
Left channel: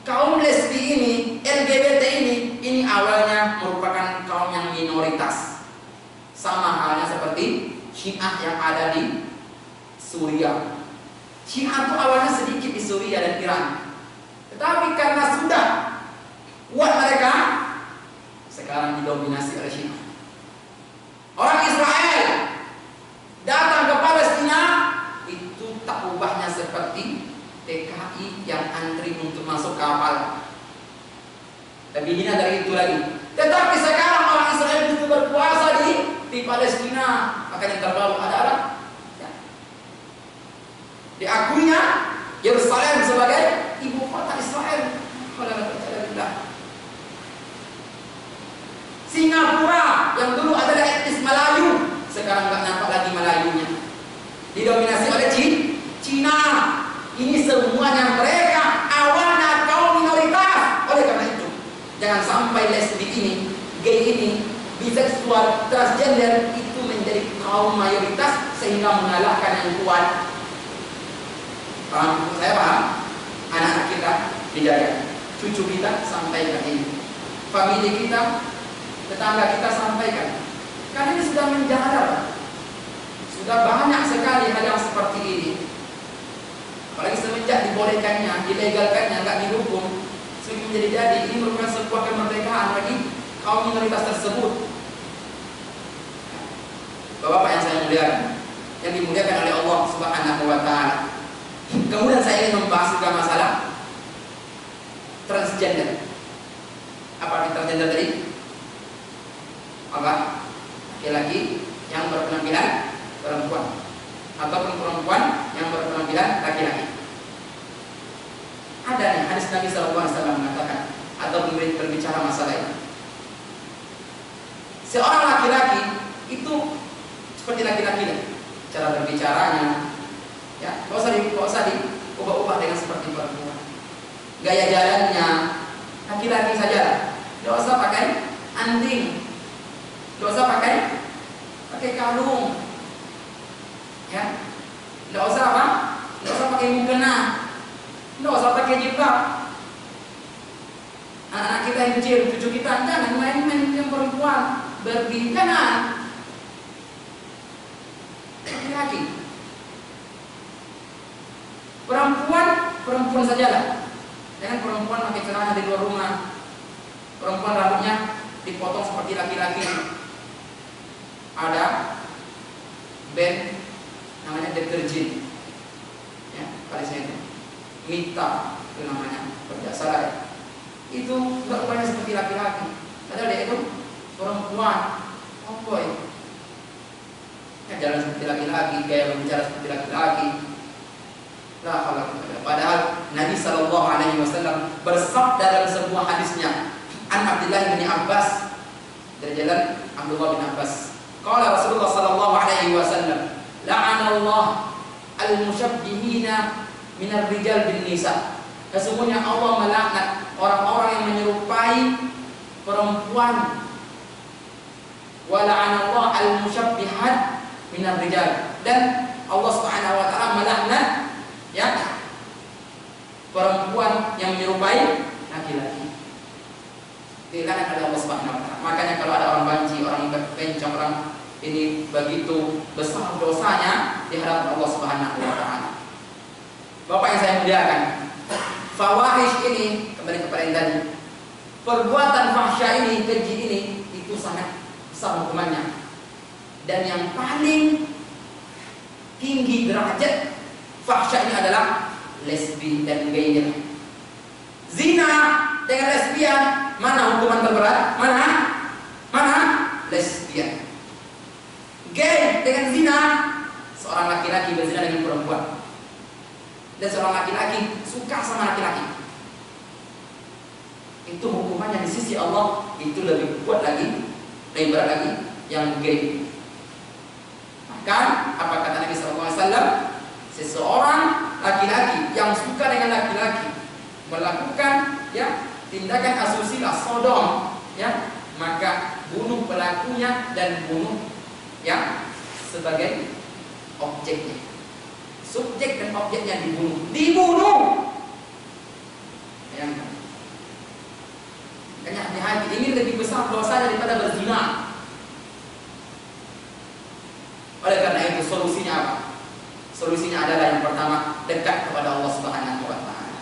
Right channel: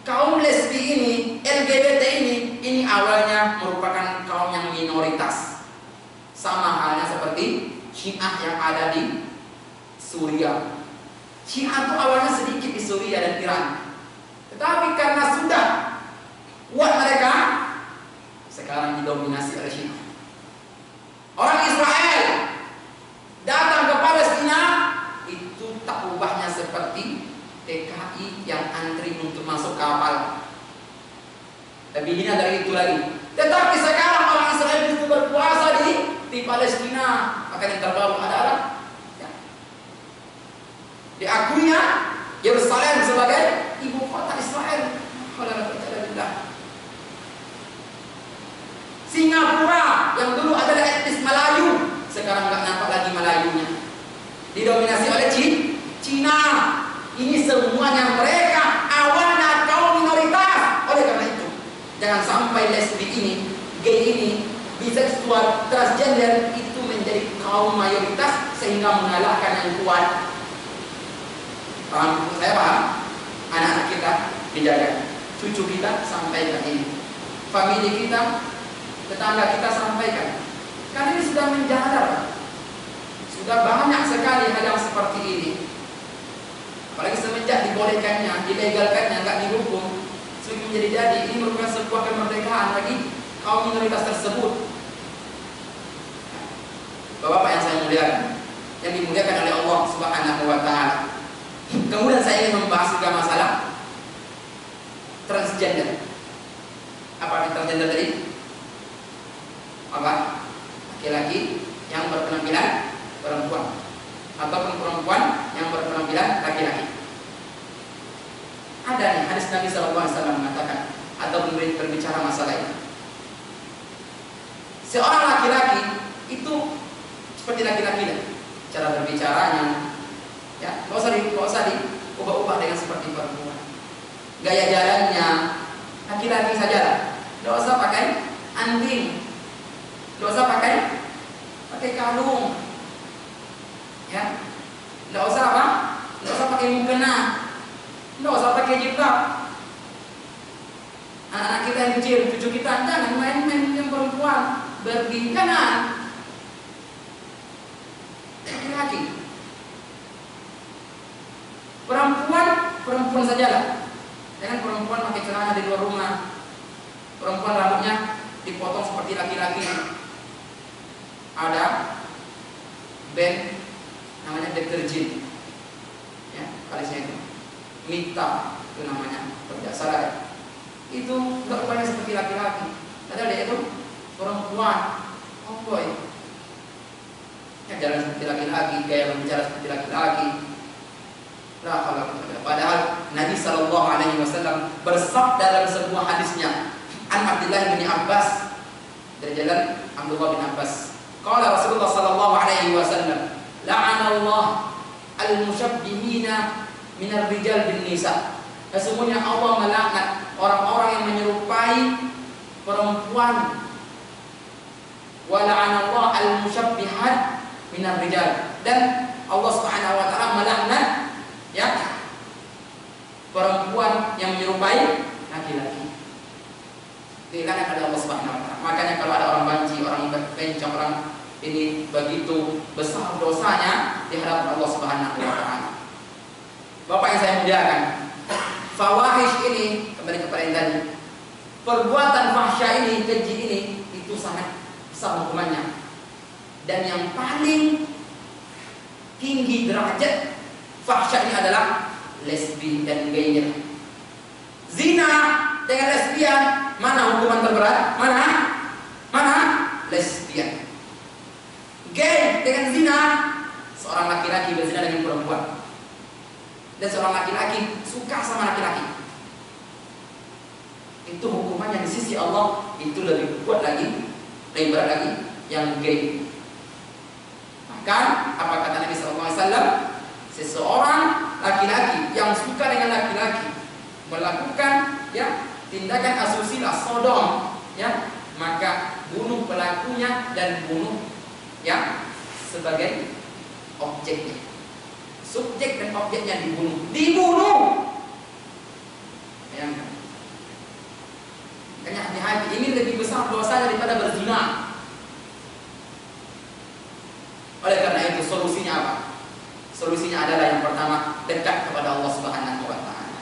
kaum lesbi ini, LGBT ini awalnya merupakan kaum yang minoritas. Sama halnya seperti Syiah yang ada di Suriah. Syiah itu awalnya sedikit di Suriah dan Iran, tetapi karena sudah kuat mereka, sekarang didominasi oleh Syiah. Orang Israel datang ke Palestina, itu tak ubahnya seperti TKI yang antri untuk masuk kapal. Dan lebih hina dari itu lagi. Tetapi sekarang orang Israel itu berkuasa di Palestina. Maka yang terbaru adalah ya, diakuinya Yerusalem sebagai ibu kota Israel. Singapura yang dulu adalah etnis Melayu, sekarang nggak nampak lagi Melayunya. Didominasi oleh Cina. Ini semuanya mereka awalnya kaum minoritas. Oleh karena itu, jangan sampai lesbi ini, gay ini, biseksual, transgender itu menjadi kaum mayoritas sehingga mengalahkan yang kuat. Paham? Saya paham. Anak-anak kita dijaga, cucu kita sampaikan ini, famili kita, tetangga kita sampaikan. Karena ini sudah menjalar, sudah banyak sekali hal yang seperti ini. Apalagi semenjak dibolehkannya, dilegalkannya, nggak dihukum, semakin menjadi jadi. Ini merupakan sebuah kemerdekaan bagi kaum minoritas tersebut. Bapak-bapak yang saya muliakan, yang dimuliakan oleh Allah Subhanahu wa Ta'ala. Kemudian saya ingin membahas juga masalah transgender. Apa arti transgender tadi? Apa? Laki-laki yang berpenampilan perempuan ataupun perempuan yang berpenampilan laki-laki. Ada nih hadis Nabi SAW mengatakan atau berbicara masalah ini. Seorang laki-laki itu seperti laki-laki, cara berbicaranya, ya, nggak usah diubah-ubah dengan seperti perempuan. Gaya jalannya laki-laki saja, nggak usah pakai anting, nggak usah pakai kalung, ya, nggak usah apa, nggak usah pakai mukena, nggak usah pakai jilbab. Anak-anak kita yang kecil, cucu kita, jangan main-main yang perempuan, berbincangan laki-laki. Perempuan sajalah. Jangan perempuan pakai celana di luar rumah. Perempuan rambutnya dipotong seperti laki-laki. Ada band namanya deterjen, ya, kalisnya itu Mita itu namanya, berjasa itu nggak rupanya seperti laki-laki, padahal dia itu perempuan. Oh boy, ya, jalan seperti laki-laki, gaya berbicara seperti laki-laki. Padahal Nabi SAW bersabda dalam sebuah hadisnya, an Abdullah bin Abbas, dari jalan Abdullah bin Abbas, qala Rasulullah SAW, la'anallah al-musyabbihina minar rijal bin nisa. Sesungguhnya Allah melaknat orang-orang yang menyerupai perempuan. Wa la'anallah al-musyabbihat minar rijal. Dan Allah Subhanahu wa taala melaknat, ya, perempuan yang menyerupai laki-laki. Dilaknat oleh Allah Subhanahu wa taala. Makanya kalau ada orang banci, orang bencong, orang ini begitu besar dosanya di hadapan Allah Subhanahu wa taala. Bapak yang saya muliakan, fawahish ini, kembali kepada yang tadi, perbuatan fahsya ini, keji ini, itu sangat besar hukumannya. Dan yang paling tinggi derajat fahsya ini adalah lesbi dan gay. Zina dengan lesbian, mana hukuman terberat? Mana? Lesbian. Gay dengan zina, seorang laki-laki berzina dengan perempuan. Dan seorang laki-laki suka sama laki-laki, itu hukumannya di sisi Allah itu lebih kuat lagi, lebih berat lagi yang gay. Maka apa kata Nabi SAW? Seseorang laki-laki yang suka dengan laki-laki melakukan, ya, tindakan asusila, sodom, ya, maka bunuh pelakunya dan bunuh, ya, sebagai objeknya. Subjek dan objeknya dibunuh. Bayangkan. Makanya hati-hati, ini lebih besar dosa daripada berzina. Oleh karena itu solusinya apa? Solusinya adalah yang pertama, dekat kepada Allah Subhanahu wa taala.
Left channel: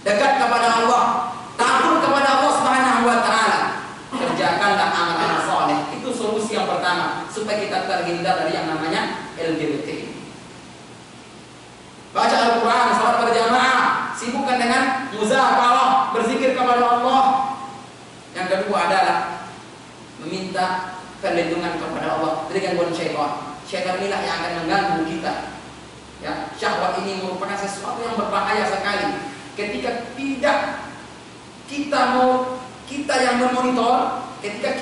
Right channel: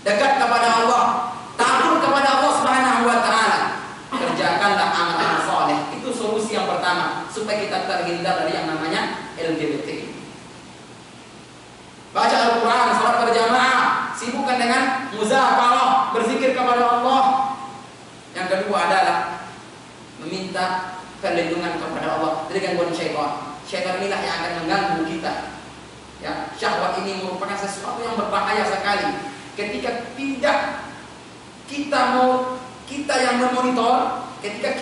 Dekat kepada Allah, takut kepada Allah Subhanahu wa taala. Kerjakanlah amal-amal saleh. Itu solusi yang pertama supaya kita terhindar dari yang namanya LGBT. Baca Al-Quran, salat berjamaah, sibukkan dengan muzakalah, berzikir kepada Allah. Yang kedua adalah meminta perlindungan kepada Allah dari gangguan syaitan. Syaitan inilah yang akan mengganggu kita. Ya, syahwat ini merupakan sesuatu yang berbahaya sekali. Ketika tidak kita yang memonitor, ketika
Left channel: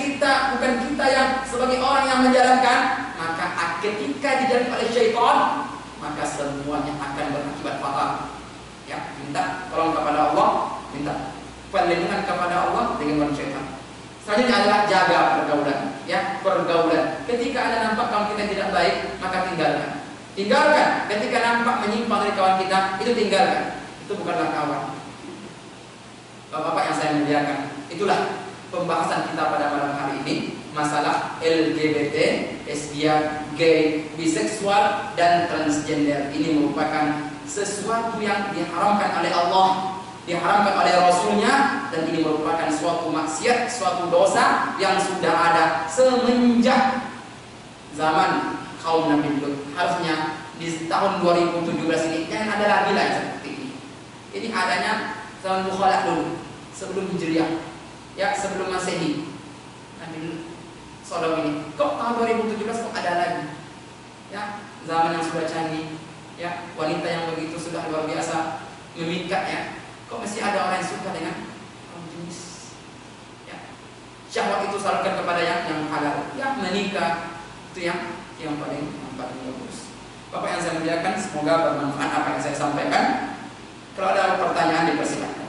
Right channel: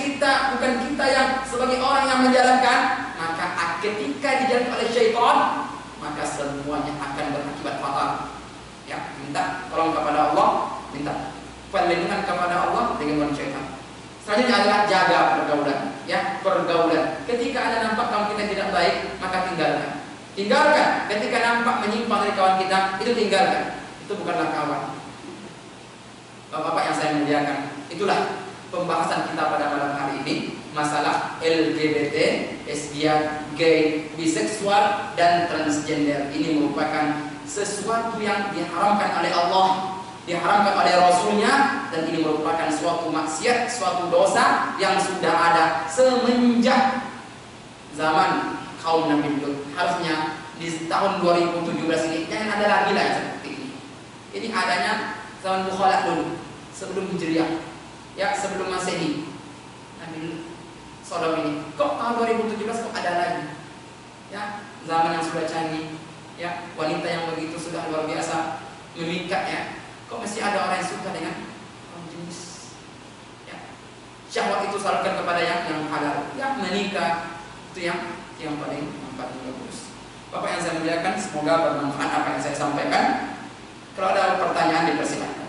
bukan kita yang sebagai orang yang menjalankan, maka ketika dijalankan oleh syaitan, maka semuanya akan berakibat fatal. Ya, minta tolong kepada Allah, minta perlindungan kepada Allah dengan syaitan. Selanjutnya adalah jaga pergaulan, ya, pergaulan. Ketika Anda nampak kawan kita tidak baik, maka tinggalkan. Tinggalkan. Ketika nampak menyimpang dari kawan kita, itu tinggalkan. Itu bukanlah kawan. Bapak-bapak yang saya muliakan, itulah pembahasan kita pada malam hari ini, masalah LGBT, lesbian, gay, biseksual, dan transgender. Ini merupakan sesuatu yang diharamkan oleh Allah, diharamkan oleh Rasulnya, dan ini merupakan suatu maksiat, suatu dosa yang sudah ada semenjak zaman kaum Nabi Lut. Harusnya di tahun 2017 ini jangan ada lagi lah yang seperti ini. Ini adanya zaman Bukhalaq dulu, sebelum Hijriah, ya, sebelum Masehi. Nabi Sodom ini, kok tahun 2017 kok ada lagi? Ya, zaman yang sudah canggih, ya, wanita yang begitu sudah luar biasa memikat, ya. Kok masih ada orang yang suka dengan kaum jenis? Ya, syahwat itu salurkan kepada yang halal, ya, menikah itu yang paling bagus. Bapak yang saya muliakan, semoga bermanfaat apa yang saya sampaikan. Kalau ada pertanyaan dipersilakan.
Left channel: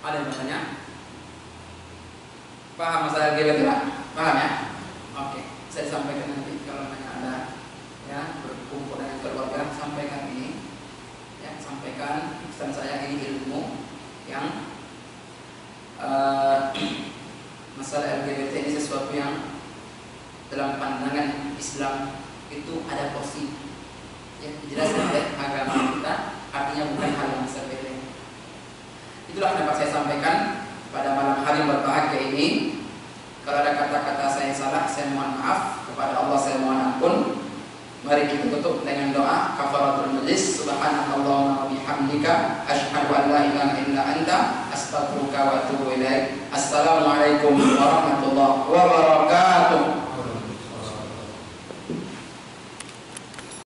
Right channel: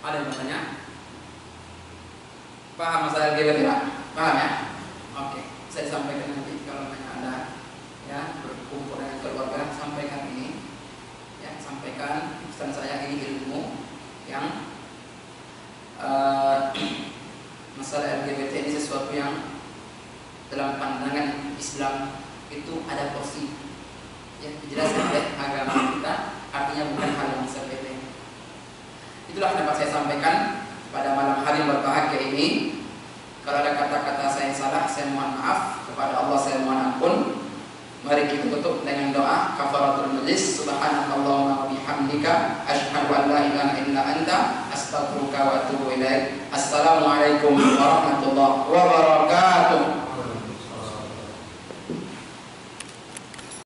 Ada yang bertanya? Paham masalah LGBT Pak? Paham ya? Oke, saya sampaikan nanti kalau ada, ya, berkumpul dengan keluarga, sampaikan ini, ya, sampaikan pesan saya ini ilmu yang masalah LGBT ini sesuatu yang dalam pandangan Islam itu ada porsi, ya, dijelaskan oleh agama kita, artinya bukan hal yang sepele. Itulah yang dapat saya sampaikan pada malam hari yang berbahagia ini. Kalau ada kata-kata saya salah, saya mohon maaf. Kepada Allah saya mohon ampun. Mari kita tutup dengan doa kafaratul majlis. Subhanallahumma wa bihamdika asyhadu an la ilaha illa anta astaghfiruka wa atubu ilaik. Assalamualaikum warahmatullahi wabarakatuh.